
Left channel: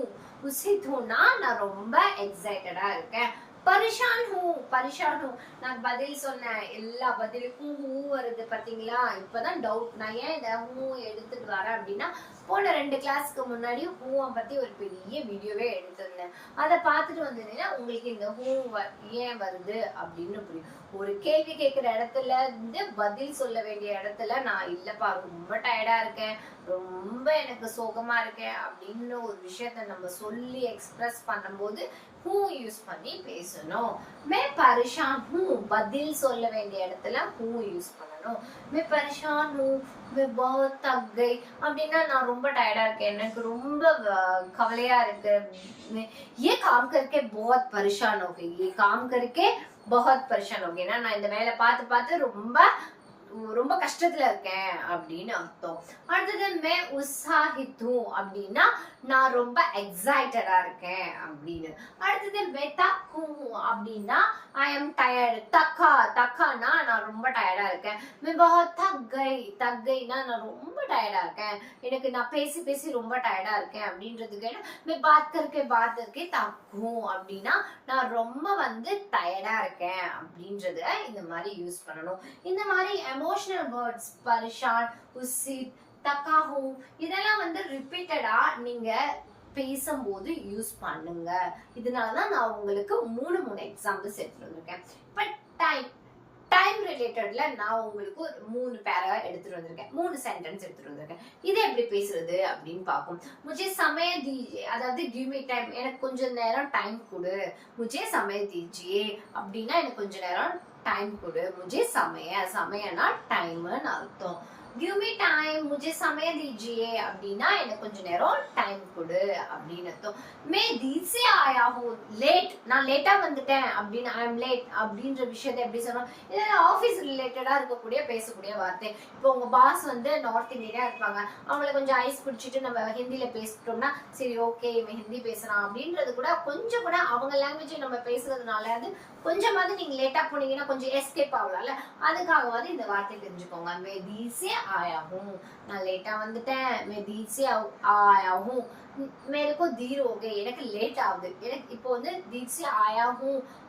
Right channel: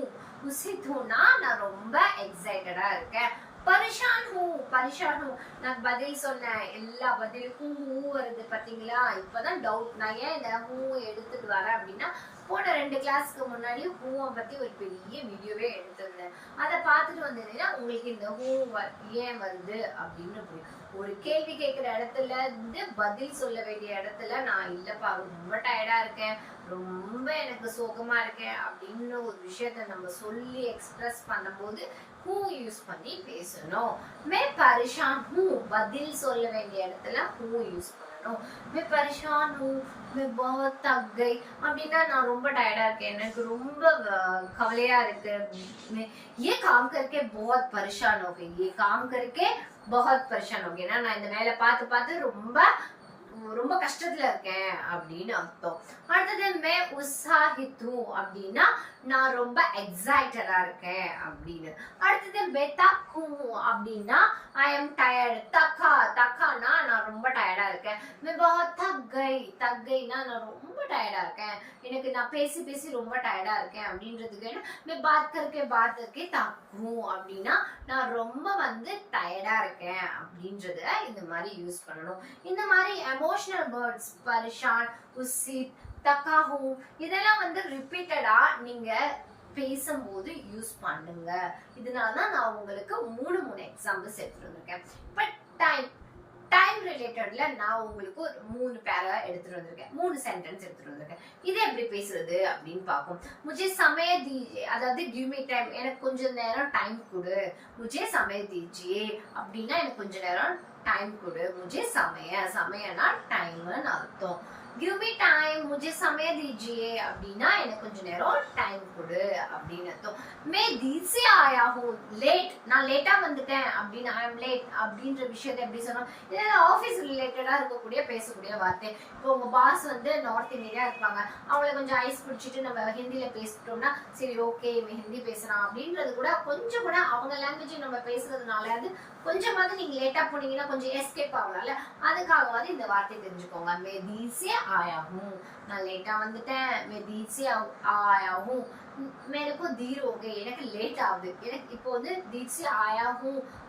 உஸ்ஹித் ஹூனா நான் ரொம்ப எக்ஸைட்டடா இருக்கேன் பரிஷான் ஹூ பரிஷான். ஹூ நான் பதில் சொன்னேன். எல்லா பதிலுக்கும் ஹூ வருது பார்த்தீங்களா? இப்பதான் டவுட் நான் ஏன் இதை ஹூ எடுத்துட்டு வரேன் அப்படின்னா போன ரெண்டு கிளாஸ்க்கு முன்னாடி ஹூவை பத்தி ஒரு பெரிய வீடியோவே எடுத்திருந்தேன். அதை பார்த்துட்டு வந்ததுன்னா உங்களுக்கு இந்த ஹூ வ- ஏன் வருது அப்படின்னு புரியும். ஒரு கேள்வி கேட்கிற இடத்துல இருந்து பதில் சொல்ல வேண்டிய இடத்துல நான் இல்லப்பா ரொம்ப டயர்டா இருக்கேன். ரொம்ப எனக்கு சோகமா இருக்கேன். அப்படின்னு ஒரு விஷயத்த நம்ம சொல்லி எக்ஸ்பிரஸ் பண்ணும்போது ஹூ யூஸ் பண்ணி பேசணும் மே பரிஷான் ஹூ பதில் சொல்ல வேண்டிய இடத்துல ஹூ யூஸ் பண்ணணும் மே பரிஷான் ஹூ மே பஹுத் தக் கை அப்படின்னா நான் ரொம்ப டயர்டா இருக்கேன் எனக்கு ரொம்ப அஹ், கவலையா இருக்கு मैं- ये काम करके बहुत परेशान हो गई ये काम करके बहुत परेशान हो गई ना நான் இந்த வேலை பார்த்து பார்த்து ரொம்ப ரொம்ப கஷ்டத்துல இருக்கேன் அப்படின்னு அர்த்தம் அடுத்தது மே உற்சாகித்து அப்படின்னா நான் ரொம்ப எக்ஸைட்டடா இருக்கேன் அப்படின்னு. அடுத்தது வெத்தா கூ அப்படின்னா ஐ எம் டயர்டு தக்கா தக்கானா நான் ரொம்ப டயர்டா இருக்கேன். மிபஹோ தக்கை தக்கைனா நான் ரொம்ப டயர்டா இருக்கேன். எனக்கு நான் பேசி பேசி ரொம்ப டயர்டா இருக்கேன் அப்படின்றதுக்கு என்ன மே பாத் கருக்கே பாத் தக்கும் அப்படின்னா நான் ரொம்ப வந்து டயர்டா இருக்கேன் அப்படின்றத இந்த மாதிரி யூஸ் பண்ணணும். இந்த மாதிரி எமோஷனல் வேர்ட்ஸ் பரிஷான் உசித் தக்காஹூ இதெல்லாம் வந்து ரிப்பீட்டடா நீங்க பேசும்போது யூஸ் பண்ணுங்க. இதனால தான் நான் உங்களுக்கு மூணு மூணு எக்ஸாம்பிள்ஸ் எடுத்துட்டு வந்திருக்கேன் இப்போ டைம் டைம் ரிலேட்டட்ல நான் உங்களுக்கு ஒரு மூணு பேரா எடுத்துட்டு வந்திருக்கேன். மூணு சென்டென்ஸ் எடுத்துட்டு வந்திருக்கேன். இதை எப்படி பேசுறது அப்படின்னு பார்ப்போம். முஜே சமய தீஜே அதாவது கிவ் டைம் எனக்கு கொஞ்சம் நேரம் டைம் கொடு. முஜே சமய தீஜியே அப்படின்னா எனக்கு கொஞ்சம் நேரம் டைம் கொடு. முஜே சமய சமயனா டைம்னு அர்த்தம். கிவ் மீ டைம் முஜே சமய தீஜியே அப்படின்னா எனக்கு கொஞ்ச நேரம் டைம் கொடு அப்படின்னு அர்த்தம். மே தீசி ஆயாகும் லேட் நான் லேட்டா வந்துட்டேன் அப்படின்னு ஐ எம் லேட் அப்படின்ற விஷயத்தை எப்படி சொன்னோம் இல்லை ஆஃபீஸ் ரிலேட்டடா இருக்கக்கூடிய பேசக்கூடிய வார்த்தை. இப்போ உங்க பாஸ் வந்து நார்த் இந்தியா இருப்பாங்க. அவங்கள கொஞ்சம் ஐஸ் பிடிச்சிட்டு நம்ம ஹிந்தியில் பேசிட்டோம்னா சரி ஓகே இவன் ஹிந்தி பேசலாம் அப்படின்றது கூட கொஞ்சம் கூட அவங்க லாங்குவேஜ் நம்ம பேசுறதுனால அது கொஞ்சமாவது நீங்க லேட்டா போனீங்கன்னா கொஞ்சம் எஸ்கேப் ஆகலாம்ல. அதுக்காகவாது இந்த வார்த்தை தெரிஞ்சுக்கோங்க. மே आया हूँ நான் லேட்டாக வந்துட்டேன். मैं देर से आया हूँ मेरे எனக்கு லேட் ஆகுது. எனக்கு இப்போ வந்து देर से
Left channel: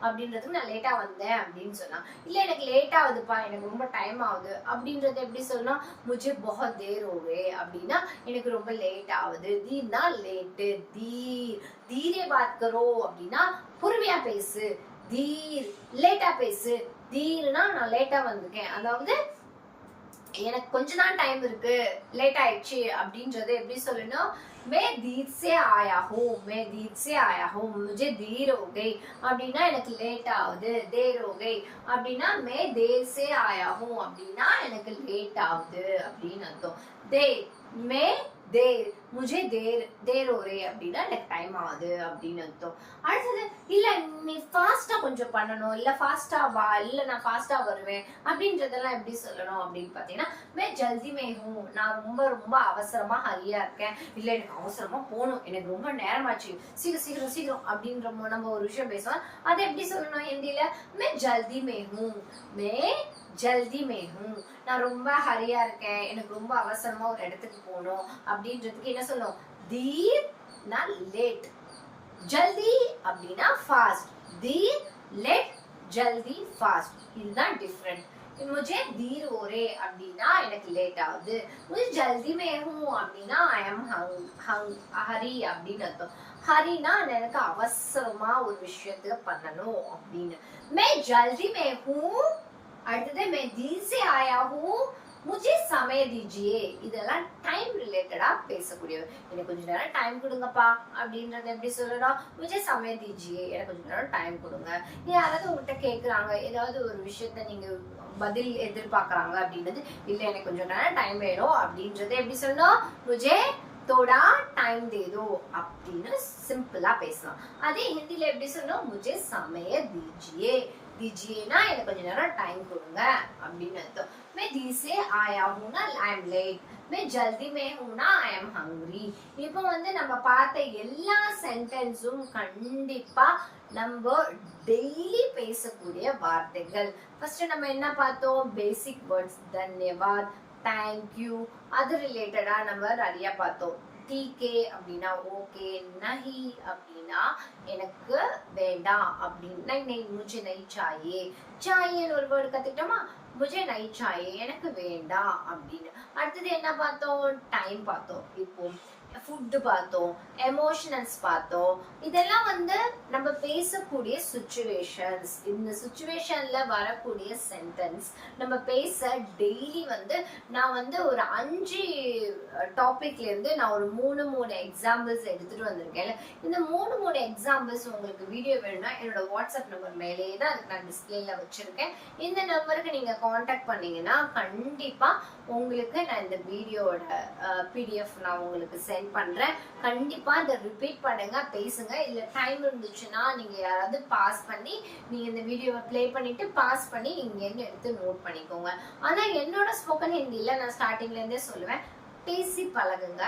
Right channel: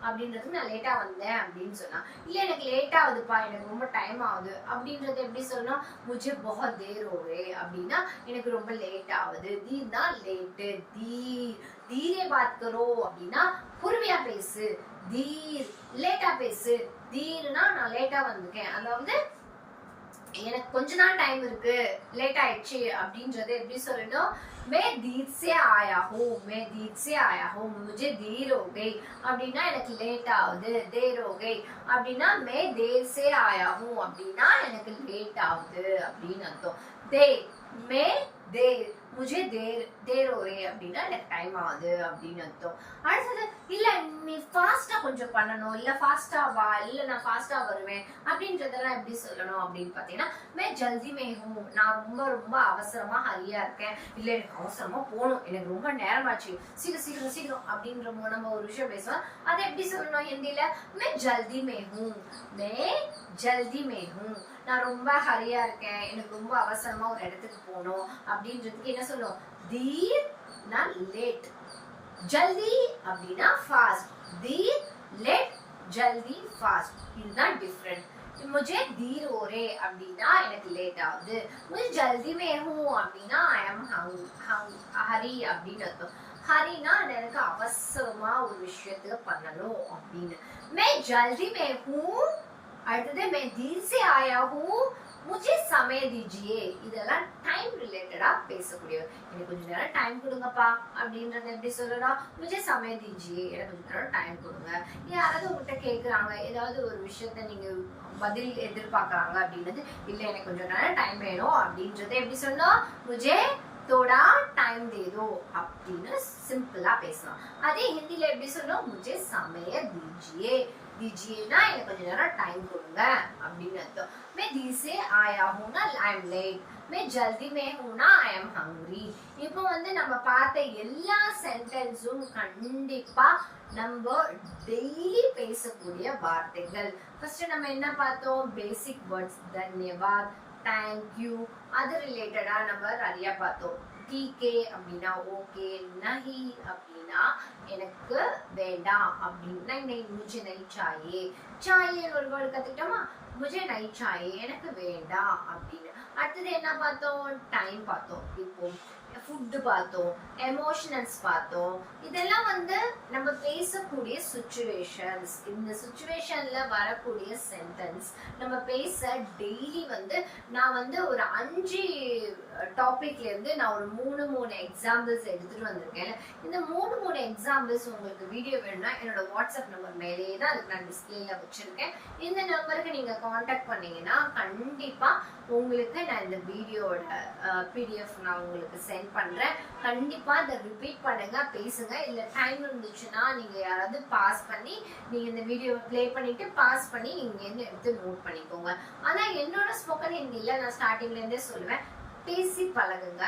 அப்படின்றதுக்கு நான் லேட்டாக வந்தேன் அப்படின்னு சொன்னா இல்லை எனக்கு லேட் ஆகுதுப்பா. எனக்கு ரொம்ப டைம் ஆகுது. அப்படின்றத எப்படி சொன்னால் मुझे बहुत देर हो அப்படின்னா எனக்கு ரொம்ப லேட் ஆகுது. தீர்னா லேட்டு தீர். தீரே பாத் அப்படின்னா பொறுமையா பேசு. தீர். லேட்டாக பேசு. தீர்னா நான் லேட்டாக வந்திருக்கேன் அதாவது எனக்கு கொஞ்ச நாள் டைம் இருக்கு லேட் ஆயிடுச்சு அப்படின்றது எப்படி சொல்லணும்? மே தீர் சே ஆயா ஹோ மே தீர் சே ஆயா ஹோ முஜே தீர் ஹோ அப்படின்னா எனக்கு லேட் ஆகுது தேர் ஹோ அப்படின்னா மே தேர்ஸே ஆயா ஹோ அப்படின்னா எனக்கு லேட் ஆகுது அப்படின்னு அர்த்தம். தே மே தேர். முஜே தேர் தேர் ஒரே அப்படின்னா எனக்கு டைம் ஆகுது அப்படின்னு அர்த்தம். அடுத்தது இல்லை நீ ஃபாஸ்ட்டாக கொஞ்சம் பண்ணணும். இல்லை ஃபாஸ்ட்டாக வா. இல்லை நான் ஃபாஸ்ட்டாக வருவேன் அப்படின்றதெல்லாம் எப்படி சொல்லணும் அப்படின்னு பார்த்தீங்கன்னா மே ஜல்தி மேகும் நான் ரொம்ப ரொம்ப அவசரமாக ஹரியாக இருக்கேன். இல்லை எனக்கு அவசரமாக போகணும். எனக்கு ரொம்ப நேரமாச்சு. சீக்கிரம் சீக்கிரம் சீக்கிரம் அப்படின்ற நம்ம ஒரு விஷயம் பேசுவோம். அதை எப்படி சொல்லணும் ஹிந்தியில்? மே ஜல்தி மேகும் மே ஜல்தி மேகும் நான் ரொம்ப ஹரியா இருக்கேன் எனக்கு ரொம்ப அவசரமா ஒரு இடத்துக்கு போகணும் அப்படின்றதுக்கு என்ன சொல்லணும் தீர் நான் லேட் ஜல்தி அப்படின்னா ஃபாஸ்ட் தீர் லேட் ஜல்தி ஃபாஸ்ட் இதுதான் டிஃப்ரெண்ட் मुझे धीर हो रहे அப்படின்னா எனக்கு லேட் ஆகுது मुझे जल्दी में हूँ அப்படின்னா ஐ எம் ஹரி அப்படின்னு அர்த்தம் ஹரினா எனக்கு அவசரமா ஒரு விஷயத்துல பண்ணணும் அப்படின்னு मैं जल्दी में हूँ அடுத்தது மே ஜின்சே ஆயாவும் முஜே சமைய தீஜியே. இதெல்லாம் டைம் ரிலேட்டடா பேசக்கூடியவை. எனக்கு கொஞ்ச நேரம் டைம் கொடுங்கப்பா அப்படின்றத எப்படி சொல்லலாம் முஜே சமைய தீஜியே எனக்கு கொஞ்ச நேரம் டைம் கொடுங்க. நீ யாராவது உங்கள்கிட்ட கேட்குறாங்க ஏதாவது ஒரு விஷயத்த நீங்க பதில் எதிர்பார்க்குறாங்க அப்படின்றது இல்லை எனக்கு கொஞ்சம் நேரம் டைம் வேணும் அப்படின்றத எப்படி சொல்லணும்? முஜே தோடா டைம் தேதோ அப்படின்னு சிம்பிளா பேசலாம். அதே ஹிந்தியில எப்படி சொல்லணும்? முஜே சமைய தீஜியே. दीजिएना எனக்கு கொஞ்ச நேரம் டைம் கொடுங்க அப்படின்னு அர்த்தம். மே தீசே ஆயா ஹூனா ஐ அம் லேட் மே ஜல்தி மே ஹூனா ஐ எம் ஹங்க்ரி இப்போ வந்து நம்ம பார்த்த எல்லா சென்டென்ஸும் கண்டிப்பாக நம்ம டெய்லி பேசக்கூடிய வார்த்தைகள். ஃபர்ஸ்ட் நம்ம என்ன பார்த்தோம்? பேசிக் வேர்ட்ஸ் தன்யவாத் தேங்க்யூ அது ரிலேட்டடாக நம்ம நிறைய பார்த்தோம். டிகே அப்படின்னா ஓகே நஹி அப்படின்னா எனக்கு வேண்டாம் அப்படின்னு. நை मुझे नहीं चाहिए चाहिए ஒரு வேர்டு கத்துக்கிட்டோமா? முஜே நை சாயே எனக்கு வேண்டாம் அப்படின்னு. அடுத்தது என்ன பார்த்தோம்? டைம் பார்த்தோம். இப்போ ஃபுட்டு பார்த்தோம் எமோஷனல்ஸ் பார்த்தோம். இதெல்லாம் வந்து நம்ம பேசக்கூடிய சுச்சுவேஷன்ஸ் இந்த சுச்சுவேஷன்ல வரக்கூடிய சென்டென்ஸ் நம்ம பேச டெய்லி வந்து நான் வந்து ஒரு அஞ்சு டாப்பிக்லேருந்து நான் ஒரு மூணு மூணு எக்ஸாம்பிள்ஸ் எடுத்துட்டு வந்திருக்கேன். இந்த மூணு மூணு எக்ஸாம்பிள்ஸ் உங்களுக்கு வீடியோ வேணும்னா என்னோட வாட்ஸ்அப் நம்பர் மேலேயே தான் அதுக்கு நான் டிஸ்பிளேல வச்சிருக்கேன். இந்த நம்பருக்கு நீங்க காண்டாக்ட் பண்ணீங்கன்னா கண்டிப்பா உங்களுக்கு நான் இந்த வீடியோட பிடிஎஃப் நான் உங்களுக்கு சென்ட் பண்ணுறேன் கண்டிப்பாக இதை ரிப்பீட் பண்ணுங்க பேசுங்க. இல்லை டைம் இருந்துச்சுன்னா நீங்கள் யாராவது பாஸ் பண்ணி நீங்கள் இந்த வீடியோவை ப்ளே பண்ணிட்டு பாஸ் பண்ணி இங்கேருந்து எடுத்து நோட் பண்ணிக்கோங்க. ஆனால் என்னோட ஸ்போக்கன் ஹிந்தியில் நான் ஸ்டார்டிங்லேருந்தே சொல்லுவேன். பேசி பழகுங்க.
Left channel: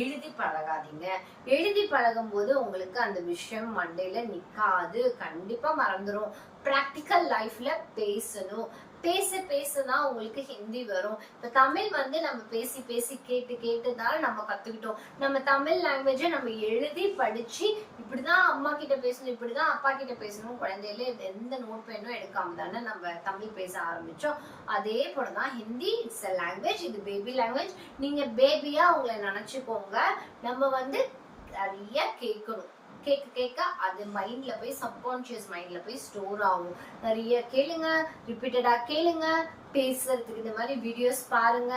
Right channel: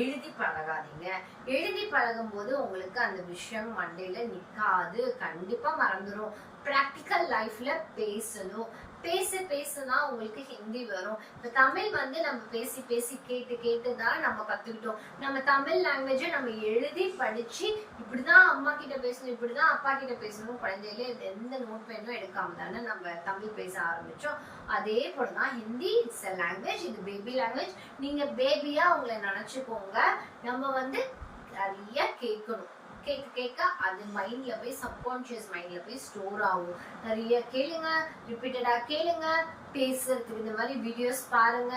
எழுதி பழகாதீங்க. எழுதி பழகும் போது உங்களுக்கு அந்த விஷயம் மண்டையில நிக்காது. கண்டிப்பா மறந்துடும் ப்ராக்டிக்கல் லைஃப்ல பேசணும். பேச பேசுனா உங்களுக்கு ஹிந்தி வரும். இப்ப தமிழ் வந்து நம்ம பேசி பேசி கேட்டு கேட்டுனால நம்ம கத்துக்கிட்டோம். நம்ம தமிழ் லாங்குவேஜை நம்ம எழுதி படிச்சு இப்படிதான் அம்மா கிட்ட பேசணும் இப்படிதான் அப்பா கிட்ட பேசணும். குழந்தையிலே எந்த நோட் பேனும் எடுக்காம தானே நம்ம தமிழ் பேச ஆரம்பிச்சோம். அதே போலதான் ஹிந்தி இட்ஸ் அ லாங்குவேஜ் இது பேபி லாங்குவேஜ் நீங்க பேபியா உங்களை நினைச்சுக்கோங்க. நம்ம வந்து நிறைய கேட்கணும். கேட்க கேட்க அது மைண்ட்ல போய் சப்கான்ஷியஸ் மைண்ட்ல போய் ஸ்டோர் ஆகும். நிறைய கேளுங்க ரிப்பீட்டடா கேளுங்க பேசுறதுக்கு இந்த மாதிரி வீடியோஸ் பாருங்க.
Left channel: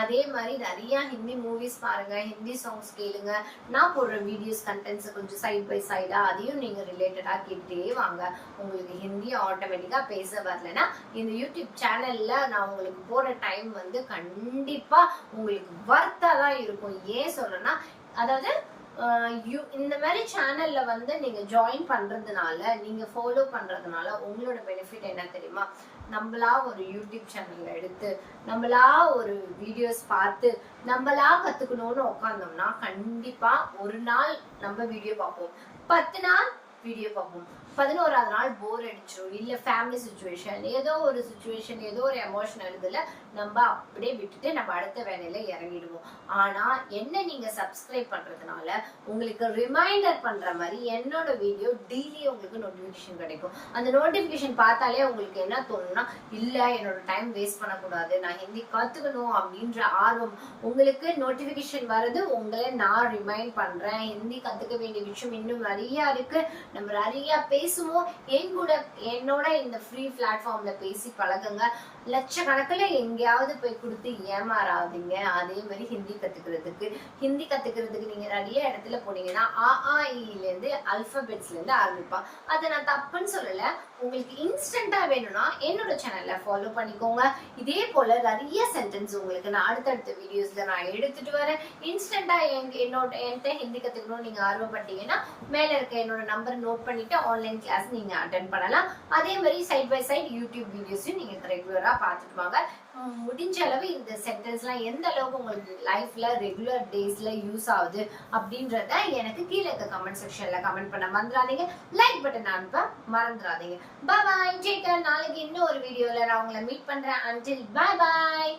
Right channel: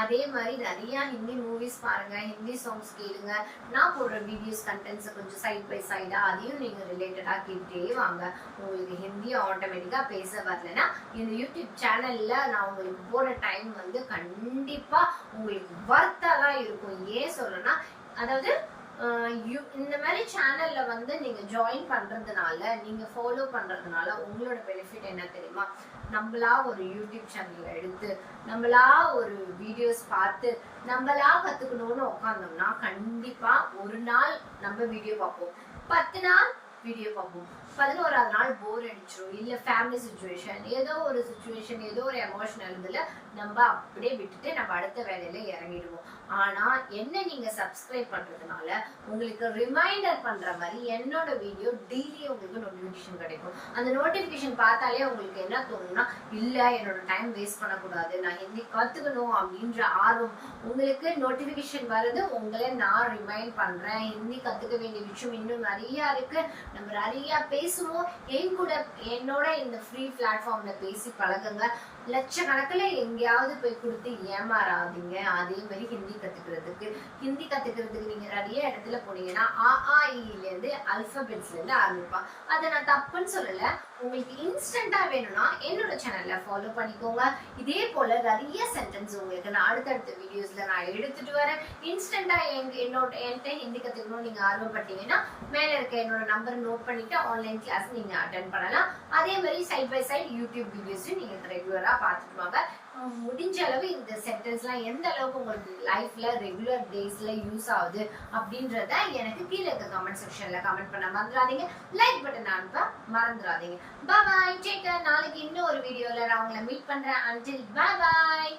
அதே மாதிரி நிறைய ஹிந்தி மூவிஸ் பாருங்க ஹிந்தி சாங்ஸ் கேளுங்க. நான் போடுற வீடியோஸ் கண்டென்ட்ஸ் கொஞ்சம் சைட் பை சைடா அதையும் நீங்க ரிலேட்டடா கேட்டே வாங்க. உங்களுக்கு ஹிந்தி ஆட்டோமேட்டிக்கா பேச வரலன்னா இந்த யூடியூப் சேனல்ல நான் உங்களுக்கு போற டைம் வந்து கண்டிப்பா உங்களுக்கு வர்த்தா தான் இருக்கும். ஏன் சொல்றேன்னா அதாவது இந்த மாதிரி சேனல்ல வந்து நீங்க ஜாயின் பண்றதுனால நீங்க ஃபாலோ பண்றதுனால உங்களோட பெனிஃபிட் என்ன தெரியுமா? நம்மளா ஒரு யூடியூப் சேனல் எடுத்து நம்மளா ஒரு வீடியோஸ் பார்த்து நம்மளா கத்துக்கணும்னு உட்காந்தோம்னா கண்டிப்பா ஒரு நாள் நம்ம வீடியோ பார்ப்போம். பத்து நாள் வீடியோ பார்ப்போம். பதினோராவது நாள் போர் அடிச்சிடும் இல்ல ஃபேமிலி சுச்சுவேஷன் ஏதோ ஒரு சுச்சுவேஷன் ஏதோ ஒரு எமோஷனல் இதுல நம்ம அப்படியே விட்டுட்டு நம்ம அடுத்த வேலையில இறங்கிடுவோம். ஆனா என்ன நீங்க சப்ஸ்கிரைப் பண்றதுனால உங்களுக்கு ரிமைண்டர் பண்ற மாதிரி என்னோட வீடியோ டெய்லி உங்களுக்கு நோட்டிபிகேஷன் கிடைக்கும். அந்த நோட்டிபிகேஷன் பார்த்தாலே உங்களுக்கு என்ன தோணும்னா இல்ல என்னோட டைம் வேஸ்ட் பண்ணக்கூடாது. நான் ஹிந்தி கத்துக்கணும் அப்படின்ற ஆர்வம் உங்களுக்கு நோட்டிபிகேஷன் வர்றது உங்களை நான் ரிமைண்ட் பண்றேன். ஹிந்தி கத்துக்க வேண்டிய விஷயம் இன்னும் நிறைய இருக்கு. நம்ம நிறைய பேசுவோம். என் கூட என்னோட இந்த ஃப்ரீ பிளாட்ஃபார்ம்ல பேசி பழகுங்க. லட்சக்கணக்கில் எங்கேயாவது போய் கொடுத்து ஏமாறாதீங்க. அதே மாதிரி ஹிந்தி கத்துக்கிறதுக்கு ஹிந்தி கத்துக்கிறதுக்கு நீங்க நிறைய இடத்துல போனீங்கன்னா ஆ ஆ இல இருந்து அல்பபெட்ஸ்ல இருந்து ஆரம்பிப்பா. அதை நான் தப்புன்னு சொல்லலை. உங்களுக்கு இன்ஸ்டண்டா வேணும்னா என்னோட சேனல்ல ஃபாலோ பண்ணிக்கோங்க. இதே போல நிறைய சென்டென்ஸ் உங்களுக்கு நான் அடுத்தடுத்த வீடியோஸ்ல நான் எடுத்துட்டு வரேன். இன்ஸ்டண்டா என்னோட என்கிட்ட ஹிந்தி கத்துக்கணும் நீங்க ஆர்வப்பட்டீங்கன்னா மேல இருக்க என்னோட நம்பர் நோட் பண்ணிட்டு ஆன்லைன் கிளாஸ் நீங்க அட்டன் பண்ணலாம். அதே மாதிரி சைட் பை சைட் யூடியூப் வீடியோஸையும் நீங்க ரெகுலரா பார்த்துட்டு வாங்க. முடிஞ்ச அளவு இந்த சென்டென்ஸ்லாம் எந்த அளவுக்கு உங்களுக்கு லைஃப்ல ரெகுலர் டேஸ்ல யூஸ் ஆகுது அப்படின்றத எனக்கு கீழே இருக்க கமெண்ட் செக்ஷன்ல கமெண்ட் பண்ண மறந்துடாதீங்க லைக் பட்டன் அனுப்ப மறந்துடாதீங்க பாய் டேக் நாளைக்கு இன்னும் ஒரு வீடியோல நான் உங்களை மீட் பண்றேன். அன்டில் பாய் பாய்